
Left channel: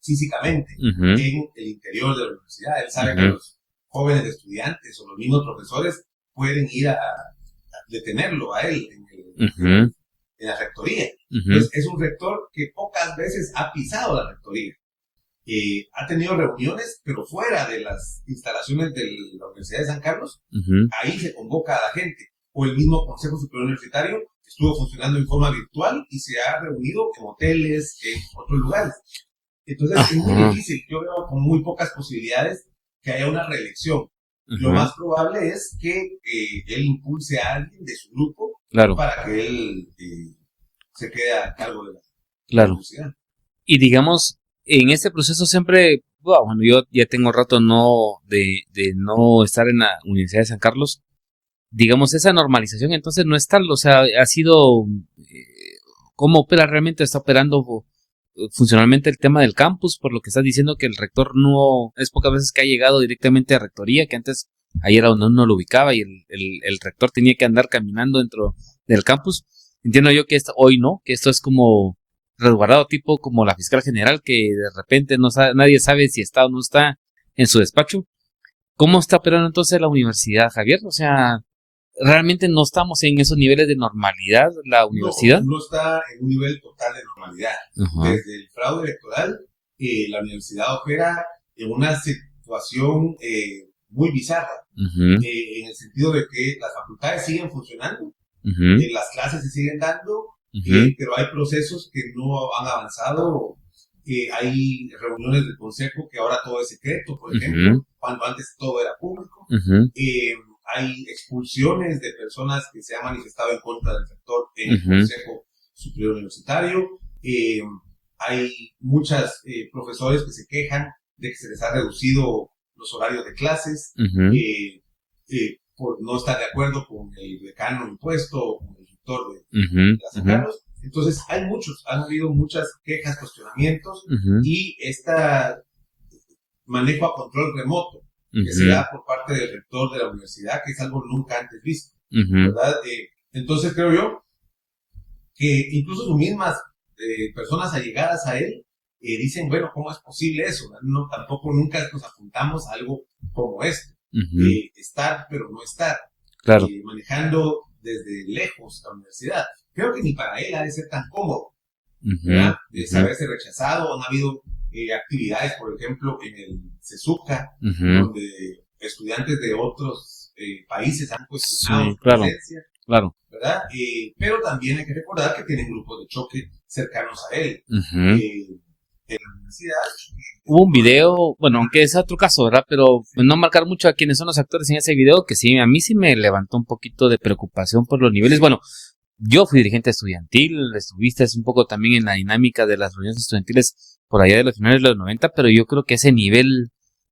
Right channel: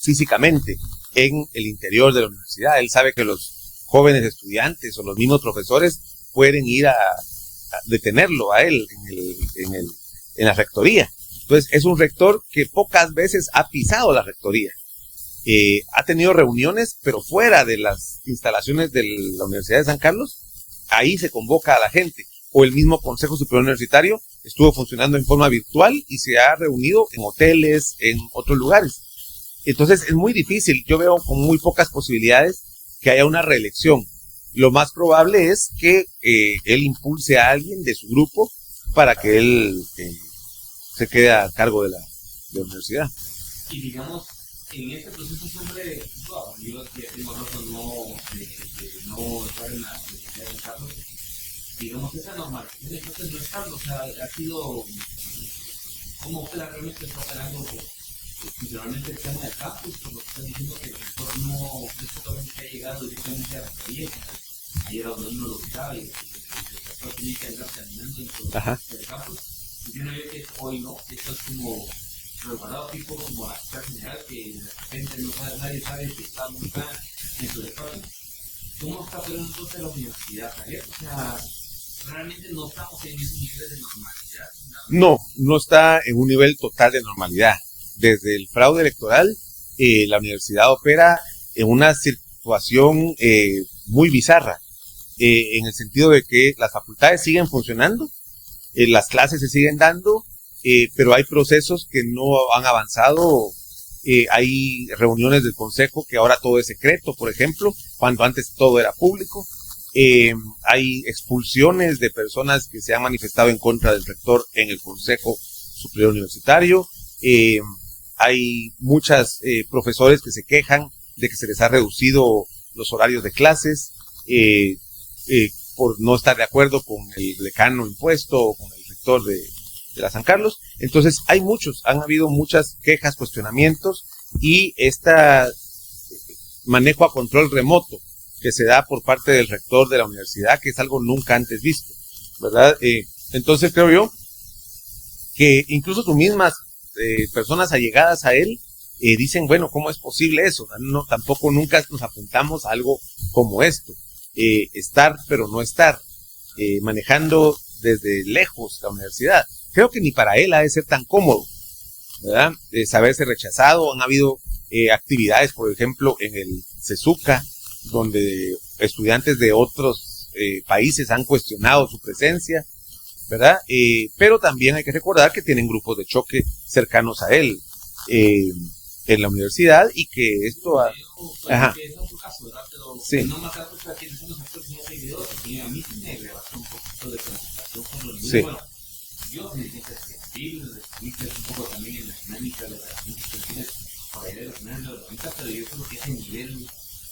físicamente en el interior de la universidad. Él sabe que los jóvenes estudiantes o los mismos profesores pueden ir a detenerlo a él en la rectoría. Entonces es un rector que pocas veces ha pisado la rectoría. Ha tenido reuniones, pero fuera de las instalaciones de la Universidad de San Carlos. Ahí se convoca a la gente. O el mismo Consejo Superior Universitario estuvo funcionando en forma virtual y se ha reunido en hoteles, en otros lugares. Entonces es muy difícil. Yo veo con muy pocas posibilidades que haya una reelección. Lo más probable es que él impulse a alguien de su grupo para que él se quede a cargo de la universidad. Y digamos, en este proceso siempre, bueno, yo ya tengo rato de no estar en la Universidad de San Carlos. Digamos, esa normalización entonces no es tal, o sea, ha sido, ¿cómo opera realmente? ¿Está operando funcionalmente el tema del campus? Por lo que estás diciendo que el rector no, es pocas veces que ha llegado directamente a rectoría, que antes ahí era donde uno lo ubicaba y el rector tenía que andar caminando dentro del campus. Entiendo yo que hoy no, que esto es como resguardado, tipo como la fiscal general, que de repente nadie sabe si está o no está en su despacho. ¿Cómo está operando entonces la universidad, Javier? O sea, ¿realmente no estamos en esos niveles de normalidad la universidad? No está en un nivel total de normalidad. Desde el fraude electoral, la universidad opera en una situación muy bizarra, en el sentido de que las facultades siguen funcionando, las clases se siguen dando, pero hay procesos que no han avanzado. Hay reuniones del consejo que ahora todo es secreto, por ejemplo, cuando antes todo era público. Hay expulsiones de personas que se han manifestado en contra del rector en el Consejo Superior Universitario. Hay muchos profesores que se quejan de que se les ha reducido los horarios de clases por no estar de acuerdo con el decano impuesto o con el rector de la San Carlos. Entonces han habido muchas quejas, cuestionamientos y manejo a control remoto que se da por parte del rector de la universidad, que es algo nunca antes visto, ¿verdad? Entonces creo yo que incluso tus mismas personas allegadas a él dicen, bueno, ¿cómo es posible eso? No, tampoco nunca nos apuntamos a algo como esto. Estar, pero no estar. Manejando desde lejos la universidad. Creo que ni para él ha de ser tan cómodo, ¿verdad? Saberse rechazado. Han habido actividades, por ejemplo, en el CESUCA, donde estudiantes de otros países han cuestionado su presencia. Claro. ¿verdad? Pero también hay que recordar que tienen grupos de choque cercanos a él en la universidad y que... Hubo un video, bueno, Ajá. aunque es otro caso, ¿verdad? Pero Sí. pues, no marcar mucho a quienes son los actores en ese video, que sí, a mí sí me levantó un poquito de preocupación por los niveles. Sí. Bueno, yo fui dirigente estudiantil, estuviste un poco también en la dinámica de las reuniones estudiantiles por allá de los finales de los 90, pero yo creo que ese nivel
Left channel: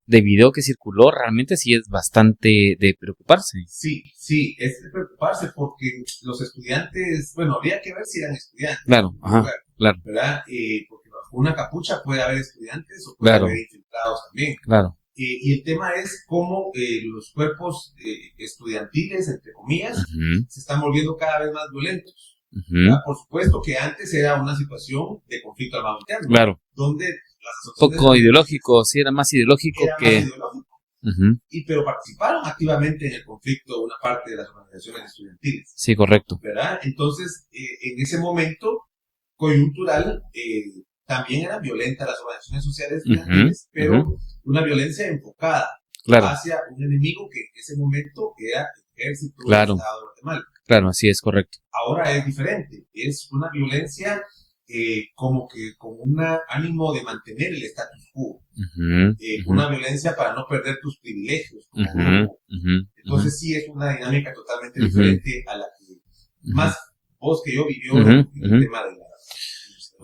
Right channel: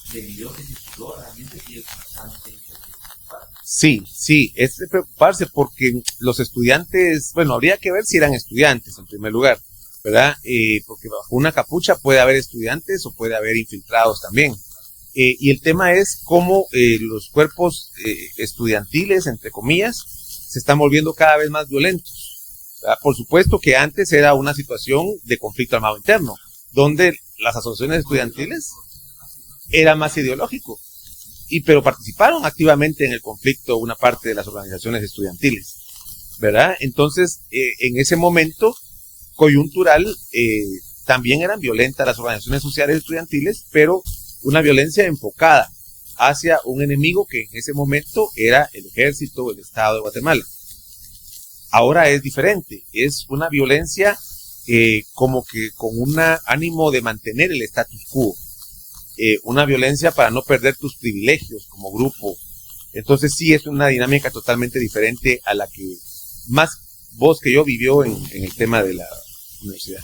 de video que circuló realmente sí es bastante de preocuparse. Sí, es de preocuparse porque los estudiantes, bueno, habría que ver si eran estudiantes Claro, en primer ajá, lugar, claro, ¿verdad? Porque bajo una capucha puede haber estudiantes o puede Claro. haber infiltrados también. claro. Y el tema es cómo los cuerpos estudiantiles, entre comillas, Ujú, se están volviendo cada vez más violentos. ujú, ¿Verdad? Por supuesto que antes era una situación de conflicto armado interno, Claro. donde las Un asociaciones poco estudiantiles ideológico, sí, era más ideológico. era más que- ideológico. Ujú, Pero participaron activamente en el conflicto una parte de las organizaciones estudiantiles, sí, correcto. ¿verdad? Entonces, en ese momento coyuntural, también eran violentas las organizaciones sociales estudiantiles, pero una violencia enfocada Claro, hacia un enemigo que en ese momento era el ejército, Claro. el Estado de Guatemala. claro, así es, correcto. Ahora es diferente, es una violencia como que con un ánimo de mantener el status quo, Ujú, una violencia para no perder tus privilegios como ujú, grupo. ujú, Entonces sí es una dinámica totalmente Ujú. diferente a la que más vos que yo vivió Ujú, en el ujú. tema de la universidad.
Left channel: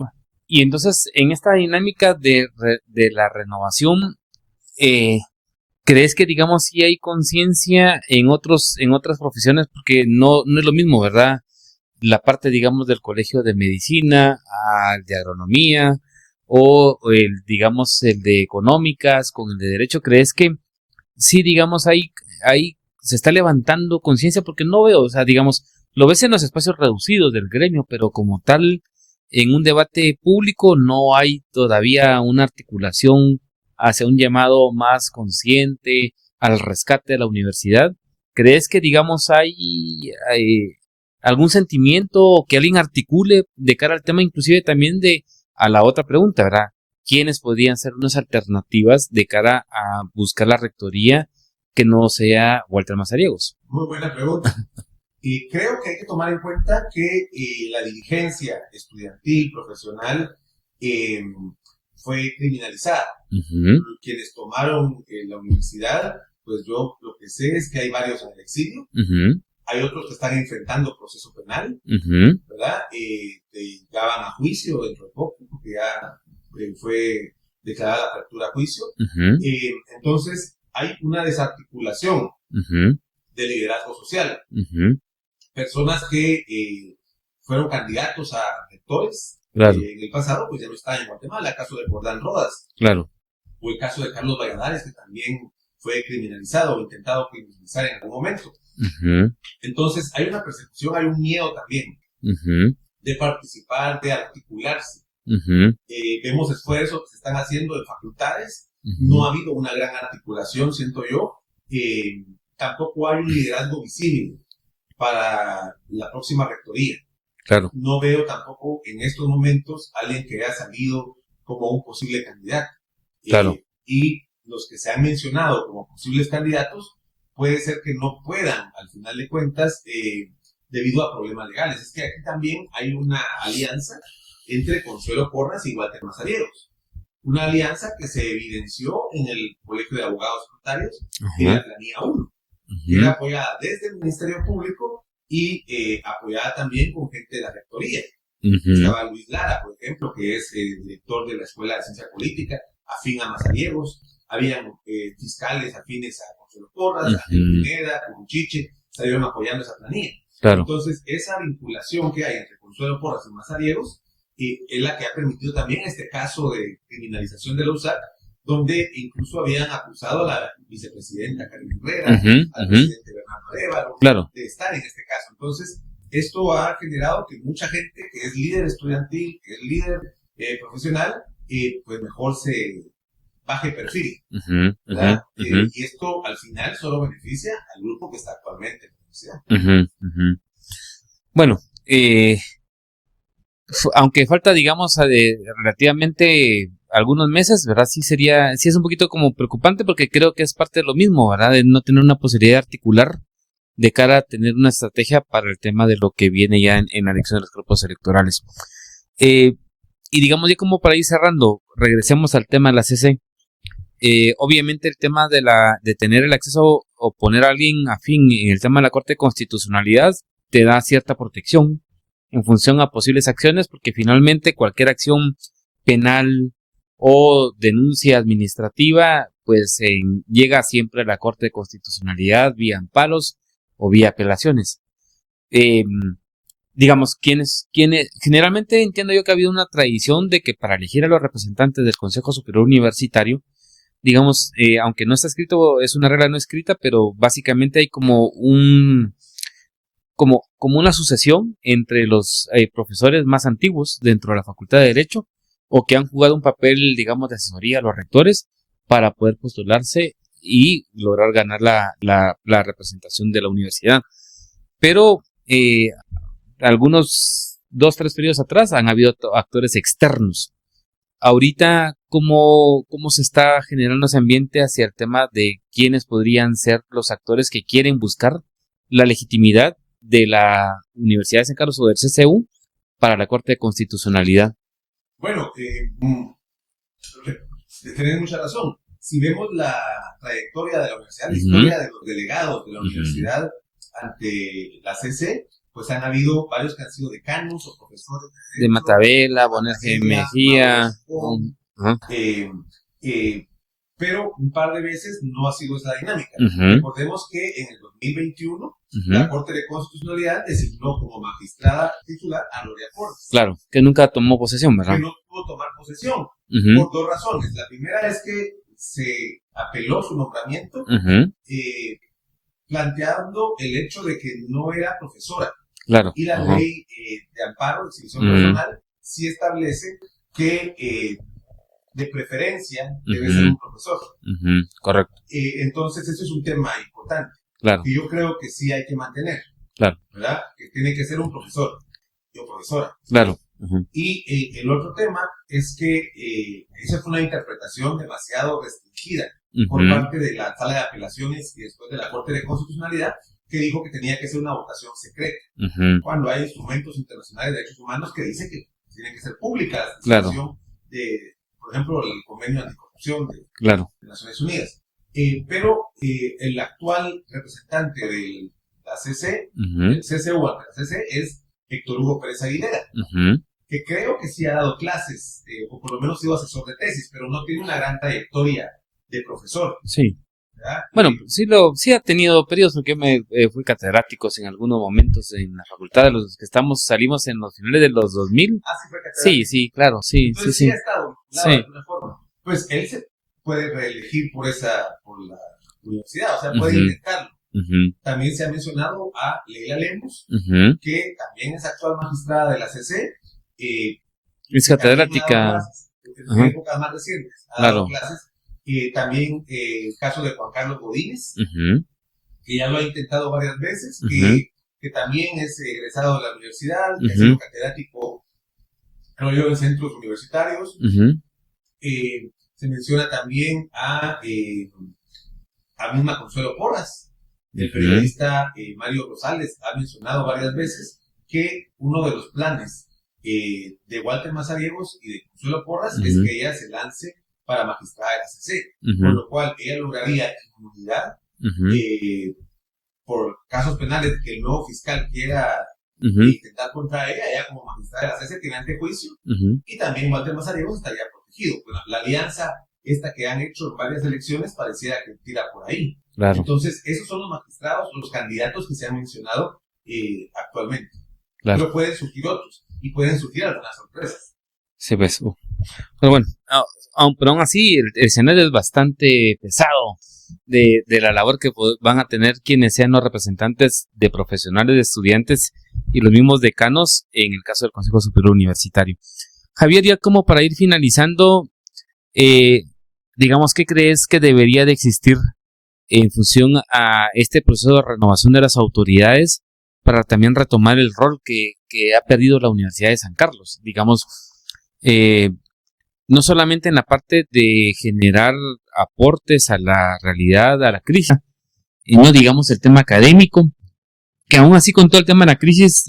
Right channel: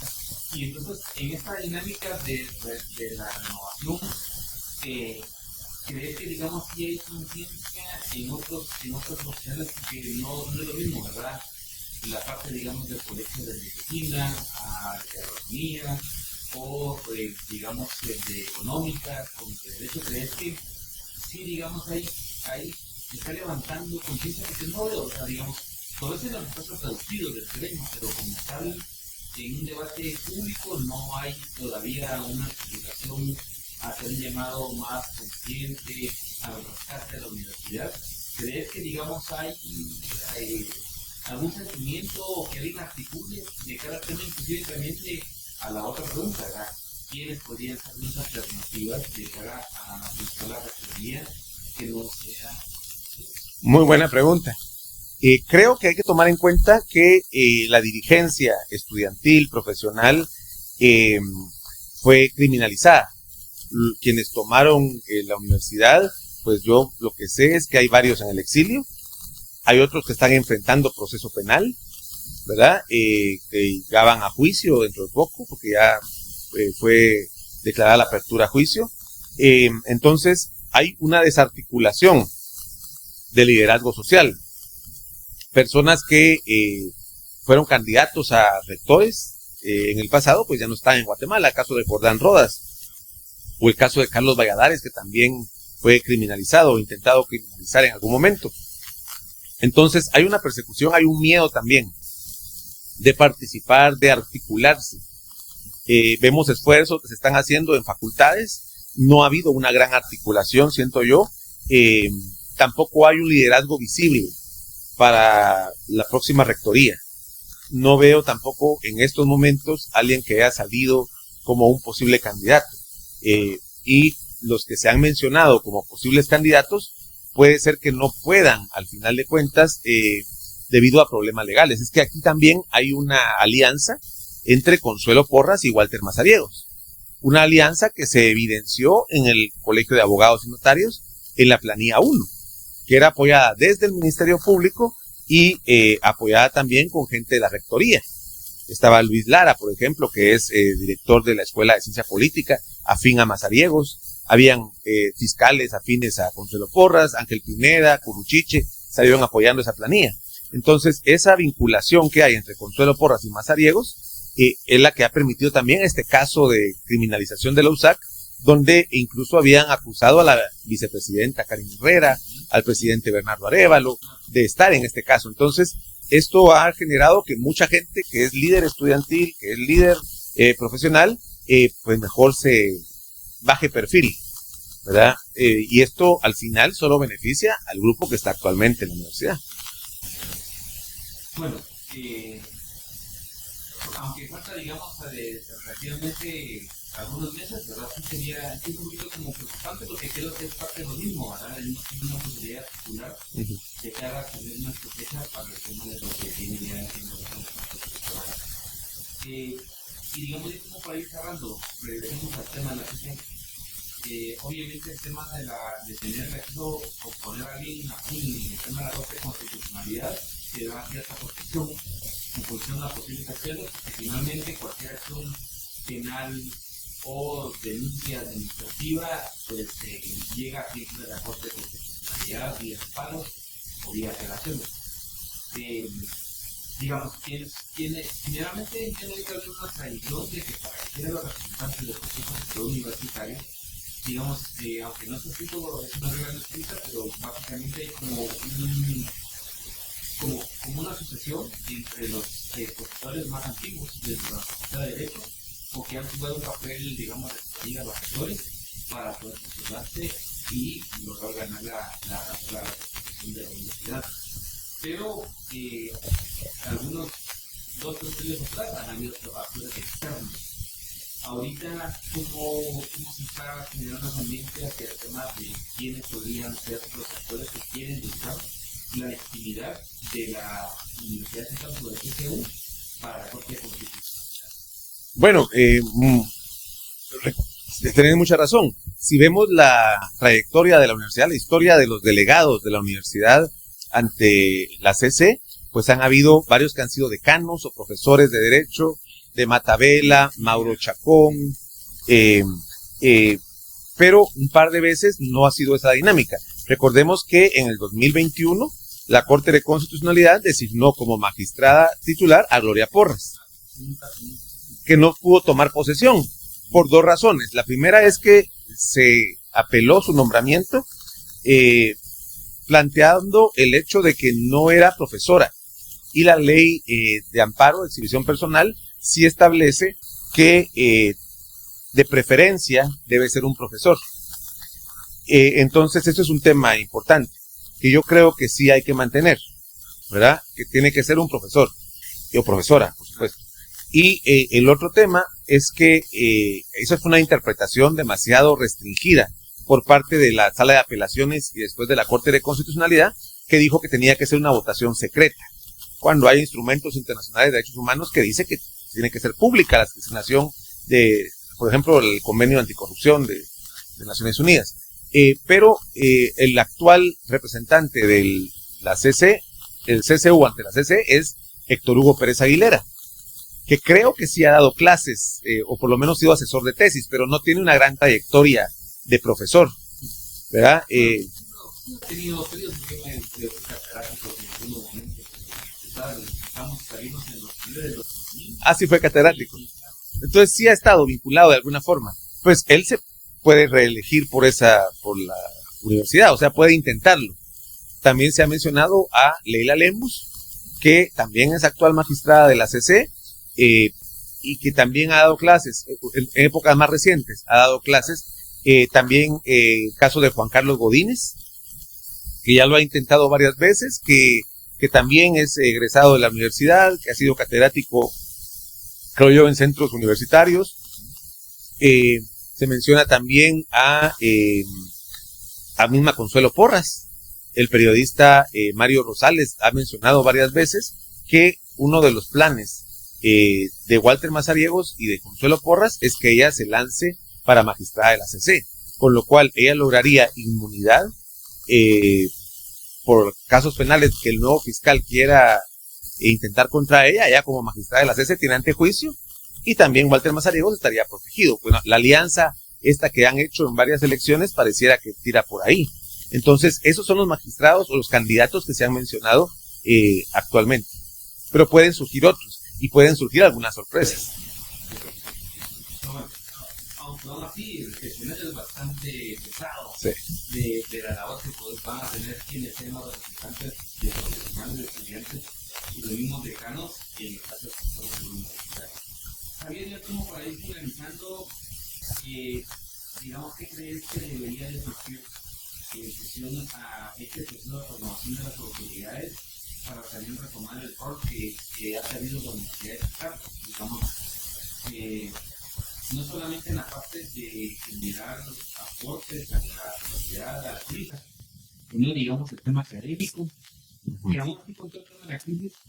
Y entonces, en esta dinámica de la renovación, ¿crees que, digamos, sí hay conciencia en otras profesiones? Porque no es lo mismo, ¿verdad? La parte, digamos, del colegio de medicina, de agronomía, o digamos, el de económicas con el de derecho. ¿Crees que sí, digamos, ahí se está levantando conciencia? Porque no veo, o sea, digamos, lo ves en los espacios reducidos del gremio, pero como tal, en un debate público no hay todavía una articulación hacia un llamado más consciente al rescate de la universidad. ¿Crees que, digamos, hay algún sentimiento que alguien articule de cara al tema, inclusive también a la otra pregunta, ¿verdad? ¿Quiénes podrían ser unas alternativas de cara a buscar la rectoría que no sea Walter Mazariegos? Muy buena pregunta. Creo que hay que tomar en cuenta que la dirigencia estudiantil, profesional, fue criminalizada. Uh-huh. Quienes tomaron la universidad, pues yo lo que sé es que hay varios en el exilio, hay otros que están enfrentando proceso penal, ¿verdad? Que ya van a juicio dentro de poco, porque ya fue declarada la apertura a juicio. Entonces, hay una desarticulación de liderazgo social. Personas que fueron candidatos a rectores en el pasado, pues ya no están en Guatemala. El caso de Jordán Rodas. Claro. O el caso de Carlos Valladares, que también fue criminalizado o intentado criminalizar en algún momento. Entonces, hay una persecución, hay un miedo también de participar, de articularse. Vemos esfuerzos que se están haciendo en facultades. No ha habido una gran articulación, siento yo. Tampoco hay un liderazgo visible para la próxima rectoría. Claro. No veo tampoco en estos momentos alguien que haya salido como un posible candidato. Claro. Y los que se han mencionado como posibles candidatos, puede ser que no puedan, al final de cuentas, debido a problemas legales. Es que aquí también hay una alianza entre Consuelo Porras y Walter Mazariegos. Una alianza que se evidenció en el Colegio de Abogados y Notarios, en la planilla 1, que era apoyada desde el Ministerio Público y apoyada también con gente de la rectoría. Estaba Luis Lara, por ejemplo, que es director de la Escuela de Ciencia Política, afín a Mazariegos. Habían fiscales afines a Consuelo Porras, Ángel Pineda, Curuchiche, salieron apoyando esa planilla. Claro. Entonces, esa vinculación que hay entre Consuelo Porras y Mazariegos es la que ha permitido también este caso de criminalización de la USAC, donde incluso habían acusado a la vicepresidenta Karin Herrera, al presidente Bernardo Arévalo, de estar en este caso. Entonces, esto ha generado que mucha gente que es líder estudiantil, que es líder profesional, pues mejor se baje perfil, ¿verdad? Y esto al final solo beneficia al grupo que está actualmente en la universidad. Bueno, aunque falta, digamos, relativamente algunos meses, ¿verdad? Sí es un poquito como preocupante porque creo que es parte de lo mismo, ¿verdad? De no tener una posibilidad de articular de cara a tener una estrategia para el tema de lo que viene ya en la elección de los grupos electorales. Y digamos ya como para ir cerrando, regresemos al tema de la CC. Obviamente el tema de tener el acceso o poner a alguien afín en el tema de la Corte de Constitucionalidad te da cierta protección en función a posibles acciones, porque finalmente cualquier acción penal o denuncia administrativa pues llega siempre a la Corte de Constitucionalidad vía amparos o vía apelaciones. Digamos, quienes generalmente entiendo yo que ha habido una tradición de que para elegir a los representantes del Consejo Superior Universitario, digamos, aunque no está escrito, es una regla no escrita, pero básicamente hay como una sucesión entre los profesores más antiguos dentro de la Facultad de Derecho o que han jugado un papel, digamos, de asesoría a los rectores para poder postularse y lograr ganar la representación de la universidad. Pero algunos 2-3 periodos atrás han habido actores externos. Ahorita, ¿cómo se está generando ese ambiente hacia el tema de quiénes podrían ser los actores que quieren buscar la legitimidad de la Universidad de San Carlos o del CCU para la Corte de Constitucionalidad? Bueno, tenés mucha razón. Si vemos la trayectoria de la universidad, la historia de los delegados de la universidad ante la CC, pues han habido varios que han sido decanos o profesores de derecho. De Matabela, Mauro Chacón, pero un par de veces no ha sido esa dinámica. Recordemos que en el 2021 la Corte de Constitucionalidad designó como magistrada titular a Gloria Porras. Claro, que nunca tomó posesión, ¿verdad? Que no pudo tomar posesión por dos razones. La primera es que se apeló su nombramiento planteando el hecho de que no era profesora. Claro. Y la ley de amparo de exhibición personal sí establece que de preferencia debe ser un profesor. Correcto. Entonces, eso es un tema importante. Claro. Que yo creo que sí hay que mantener. Claro. ¿Verdad? Que tiene que ser un profesor o profesora. Claro. Y el otro tema es que esa fue una interpretación demasiado restringida por parte de la Sala de Apelaciones y después de la Corte de Constitucionalidad, que dijo que tenía que ser una votación secreta, cuando hay instrumentos internacionales de derechos humanos que dice que tiene que ser pública la situación de, por ejemplo, el convenio anticorrupción de Naciones Unidas. Pero el actual representante de la CC, el CCU ante la CC, es Héctor Hugo Pérez Aguilera, que creo que sí ha dado clases, o por lo menos ha sido asesor de tesis, pero no tiene una gran trayectoria de profesor. Sí. ¿Verdad? Bueno, sí ha tenido periodos porque me fui catedrático en algunos momentos en la facultad de los que salimos en los finales de los 2000. Ah, sí fue catedrático. Sí, claro, sí. Entonces sí ha estado vinculado de alguna forma. Pues él se puede reelegir por la universidad, o sea, puede intentarlo. También se ha mencionado a Leila Lemus, que también es actual magistrada de la CC, y que también ha dado clases en épocas más recientes, ha dado clases. También el caso de Juan Carlos Godínez, que ya lo ha intentado varias veces, que también es egresado de la universidad, que ha sido catedrático, creo yo, en centros universitarios. Se menciona también a misma Consuelo Porras. El periodista Mario Rosales ha mencionado varias veces que uno de los planes de Walter Mazariegos y de Consuelo Porras es que ella se lance para magistrada de la CC, con lo cual ella lograría inmunidad por casos penales que el nuevo fiscal quiera intentar contra ella. Ella como magistrada de la CC tiene antejuicio, y también Walter Mazariegos estaría protegido. Bueno, la alianza esta que han hecho en varias elecciones pareciera que tira por ahí. Claro. Entonces, esos son los magistrados o los candidatos que se han mencionado actualmente. Claro. Pero pueden surgir otros, y pueden surgir algunas sorpresas. Sí, pues. Pero bueno, pero aún así el escenario es bastante pesado de la labor que van a tener quienes sean los representantes de profesionales, de estudiantes y los mismos decanos en el caso del Consejo Superior Universitario. Javier, ya como para ir finalizando, digamos, ¿qué crees que debería de existir en función a este proceso de renovación de las autoridades para también retomar el rol que ha perdido la Universidad de San Carlos? Digamos, no solamente en la parte de generar aportes a la realidad, a la crisis, y no digamos el tema académico, que aún así con todo el tema de la crisis,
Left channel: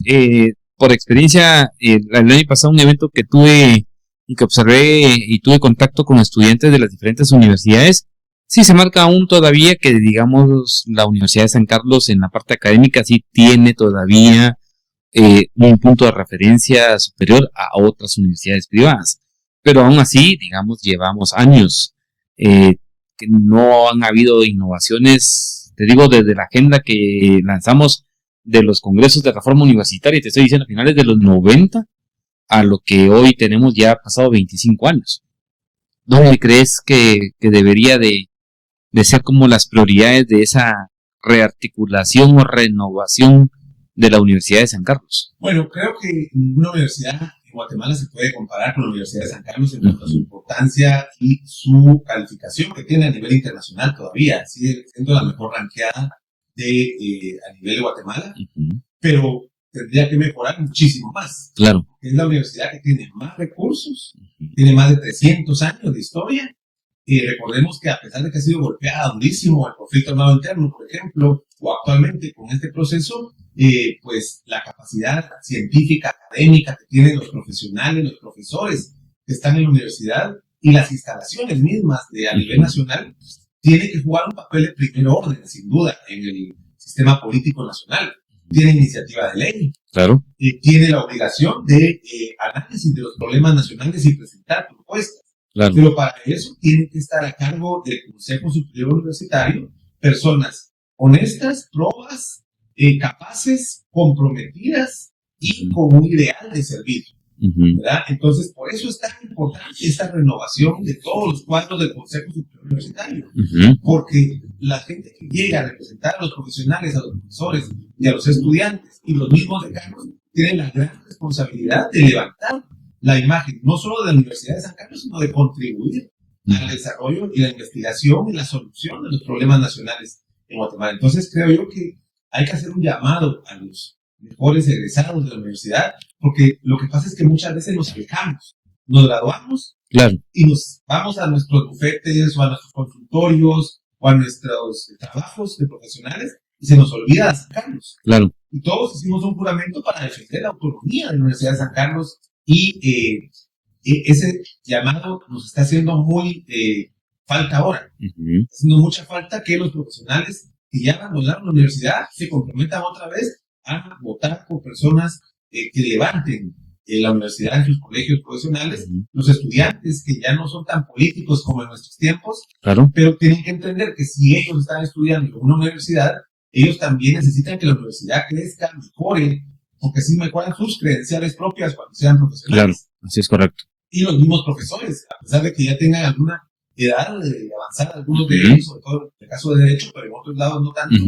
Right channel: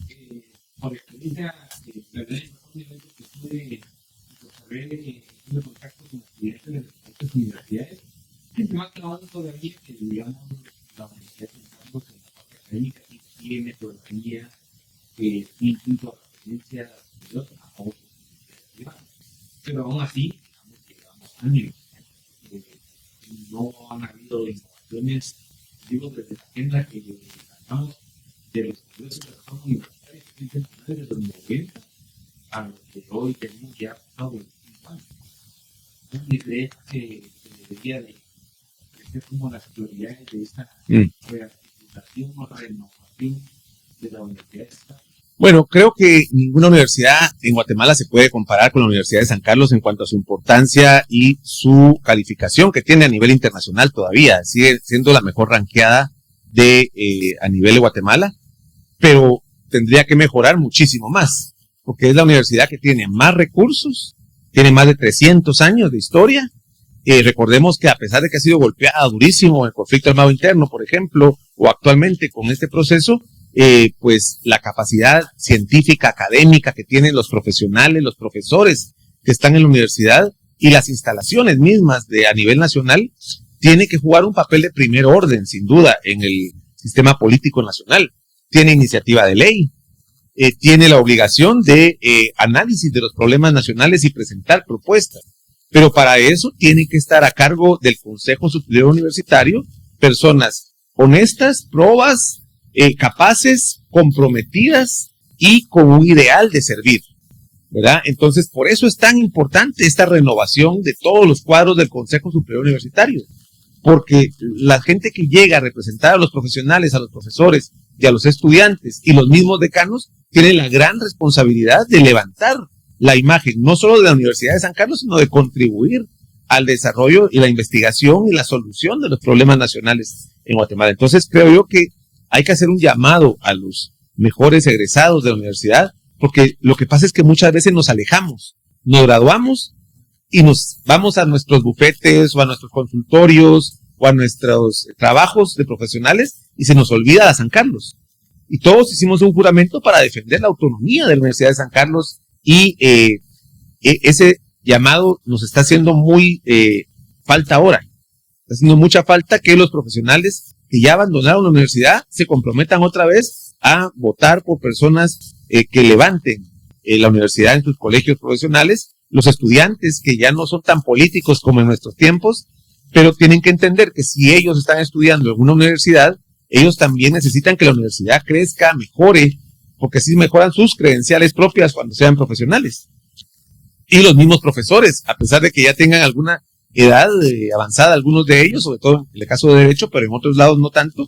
por experiencia, el año pasado un evento que tuve y que observé y tuve contacto con estudiantes de las diferentes universidades, sí se marca aún todavía que, digamos, la Universidad de San Carlos en la parte académica sí tiene todavía un punto de referencia superior a otras universidades privadas. Pero aún así, digamos, llevamos años que no han habido innovaciones, te digo, desde la agenda que lanzamos de los congresos de reforma universitaria, te estoy diciendo, a finales de los 90, a lo que hoy tenemos ya pasado 25 años. ¿Dónde crees que debería de ser como las prioridades de esa rearticulación o renovación de la Universidad de San Carlos? Bueno, creo que ninguna universidad en Guatemala se puede comparar con la Universidad de San Carlos en cuanto a su importancia y su calificación que tiene a nivel internacional todavía. Sigue siendo la mejor ranqueada a nivel de Guatemala, pero tendría que mejorar muchísimo más. Claro. Porque es la universidad que tiene más recursos, tiene más de 300 años de historia. Recordemos que a pesar de que ha sido golpeada durísimo el conflicto armado interno, por ejemplo, o actualmente con este proceso, pues la capacidad científica, académica que tienen los profesionales, los profesores que están en la universidad y las instalaciones mismas a nivel nacional, tiene que jugar un papel de primer orden, sin duda, en el sistema político nacional. Tiene iniciativa de ley, claro. Tiene la obligación de análisis de los problemas nacionales y presentar propuestas. Claro. Pero para eso tiene que estar a cargo del Consejo Superior Universitario personas honestas, probas, capaces, comprometidas y con un ideal de servir, ¿verdad? Entonces, por eso es tan importante esta renovación de todos los cuadros del Consejo Superior Universitario, porque la gente que llega a representar a los profesionales, a los profesores y a los estudiantes y los mismos decanos, tiene la gran responsabilidad de levantar la imagen, no solo de la Universidad de San Carlos, sino de contribuir al desarrollo y la investigación y la solución de los problemas nacionales en Guatemala. Entonces, creo yo que hay que hacer un llamado a los mejores egresados de la universidad, porque lo que pasa es que muchas veces nos alejamos, nos graduamos, claro, y nos vamos a nuestros bufetes o a nuestros consultorios o a nuestros trabajos de profesionales y se nos olvida la San Carlos. Claro. Y todos hicimos un juramento para defender la autonomía de la Universidad de San Carlos y ese llamado nos está haciendo muy falta ahora. Está haciendo mucha falta que los profesionales que ya abandonaron la universidad se comprometan otra vez a votar por personas que levanten la universidad en sus colegios profesionales, los estudiantes que ya no son tan políticos como en nuestros tiempos, claro, pero tienen que entender que si ellos están estudiando en una universidad, ellos también necesitan que la universidad crezca, mejore, porque así mejoran sus credenciales propias cuando sean profesionales. Claro, así es correcto. Y los mismos profesores, a pesar de que ya tengan alguna edad avanzada, algunos de ellos, sobre todo en el caso de Derecho, pero en otros lados no tanto,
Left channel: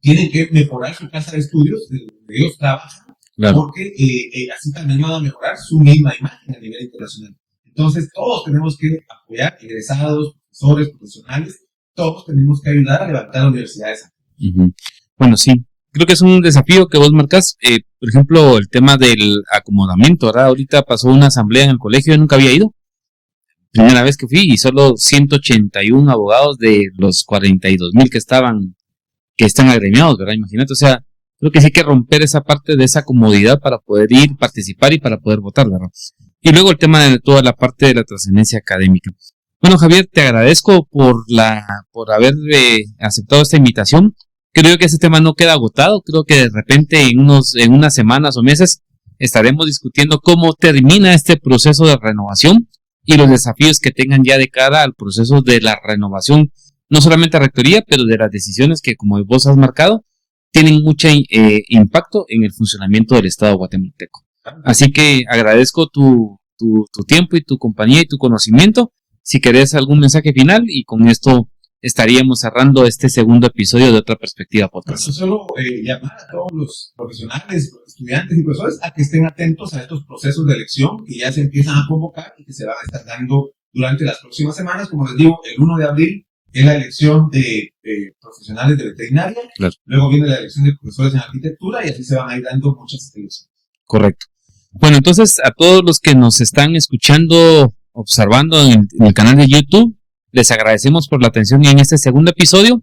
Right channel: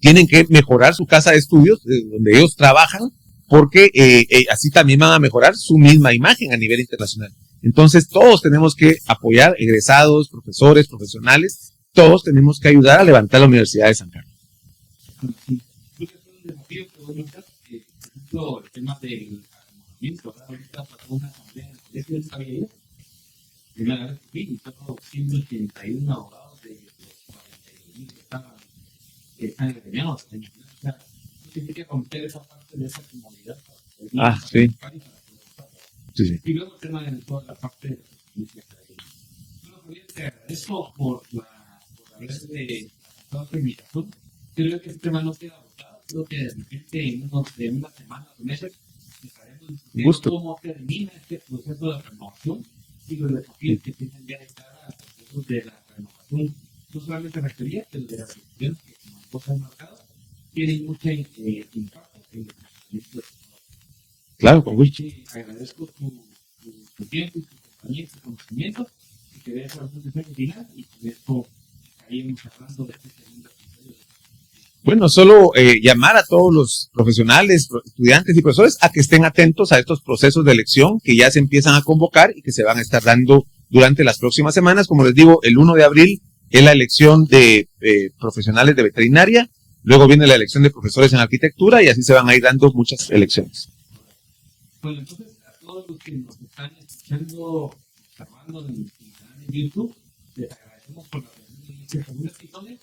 tienen que mejorar su casa de estudios, donde ellos trabajan, claro, porque así también van a mejorar su misma imagen a nivel internacional. Entonces, todos tenemos que apoyar, egresados, profesores, profesionales, todos tenemos que ayudar a levantar la Universidad de San Carlos. Bueno, sí. Creo que es un desafío que vos marcas, por ejemplo, el tema del acomodamiento, ¿verdad? Ahorita pasó una asamblea en el colegio, yo nunca había ido. Primera vez que fui y solo 181 abogados de los 42,000 que están agremiados, ¿verdad? Imagínate, o sea, creo que sí hay que romper esa parte de esa comodidad para poder ir, participar, sí, y para poder votar, ¿verdad? Sí. Y luego el tema de toda la parte de la trascendencia académica. Bueno, Javier, te agradezco por haber aceptado esta invitación. Creo que ese tema no queda agotado. Creo que de repente en unas semanas o meses estaremos discutiendo cómo termina este proceso de renovación y los desafíos que tengan ya de cara al proceso de la renovación, no solamente a rectoría, pero de las decisiones que, como vos has marcado, tienen mucho impacto en el funcionamiento del Estado guatemalteco. Claro. Así que agradezco tu tiempo y tu compañía y tu conocimiento. Si querés algún mensaje final, y con esto estaríamos cerrando este segundo episodio de Otra Perspectiva Podcast. Bueno, solo llamar a todos los profesionales, estudiantes y profesores a que estén atentos a estos procesos de elección que ya se empiezan a convocar y que se van a estar dando durante las próximas semanas. Como les digo, el 1 de abril es la elección de profesionales de veterinaria, claro, luego viene la elección de profesores en arquitectura y así se van a ir dando muchas elecciones. Correcto. Bueno, entonces a todos los que nos están escuchando observando en el canal de YouTube. Les agradecemos por la atención en este segundo episodio.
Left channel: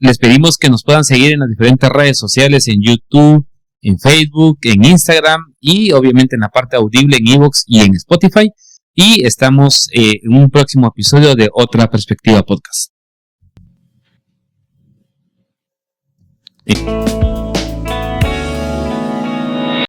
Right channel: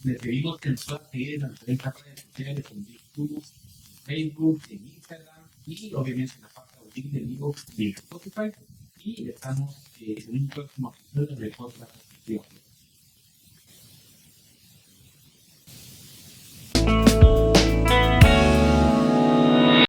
Les pedimos que nos puedan seguir en las diferentes redes sociales, en YouTube, en Facebook, en Instagram y obviamente en la parte audible en iVoox y en Spotify. Y estamos en un próximo episodio de Otra Perspectiva Podcast. Sí.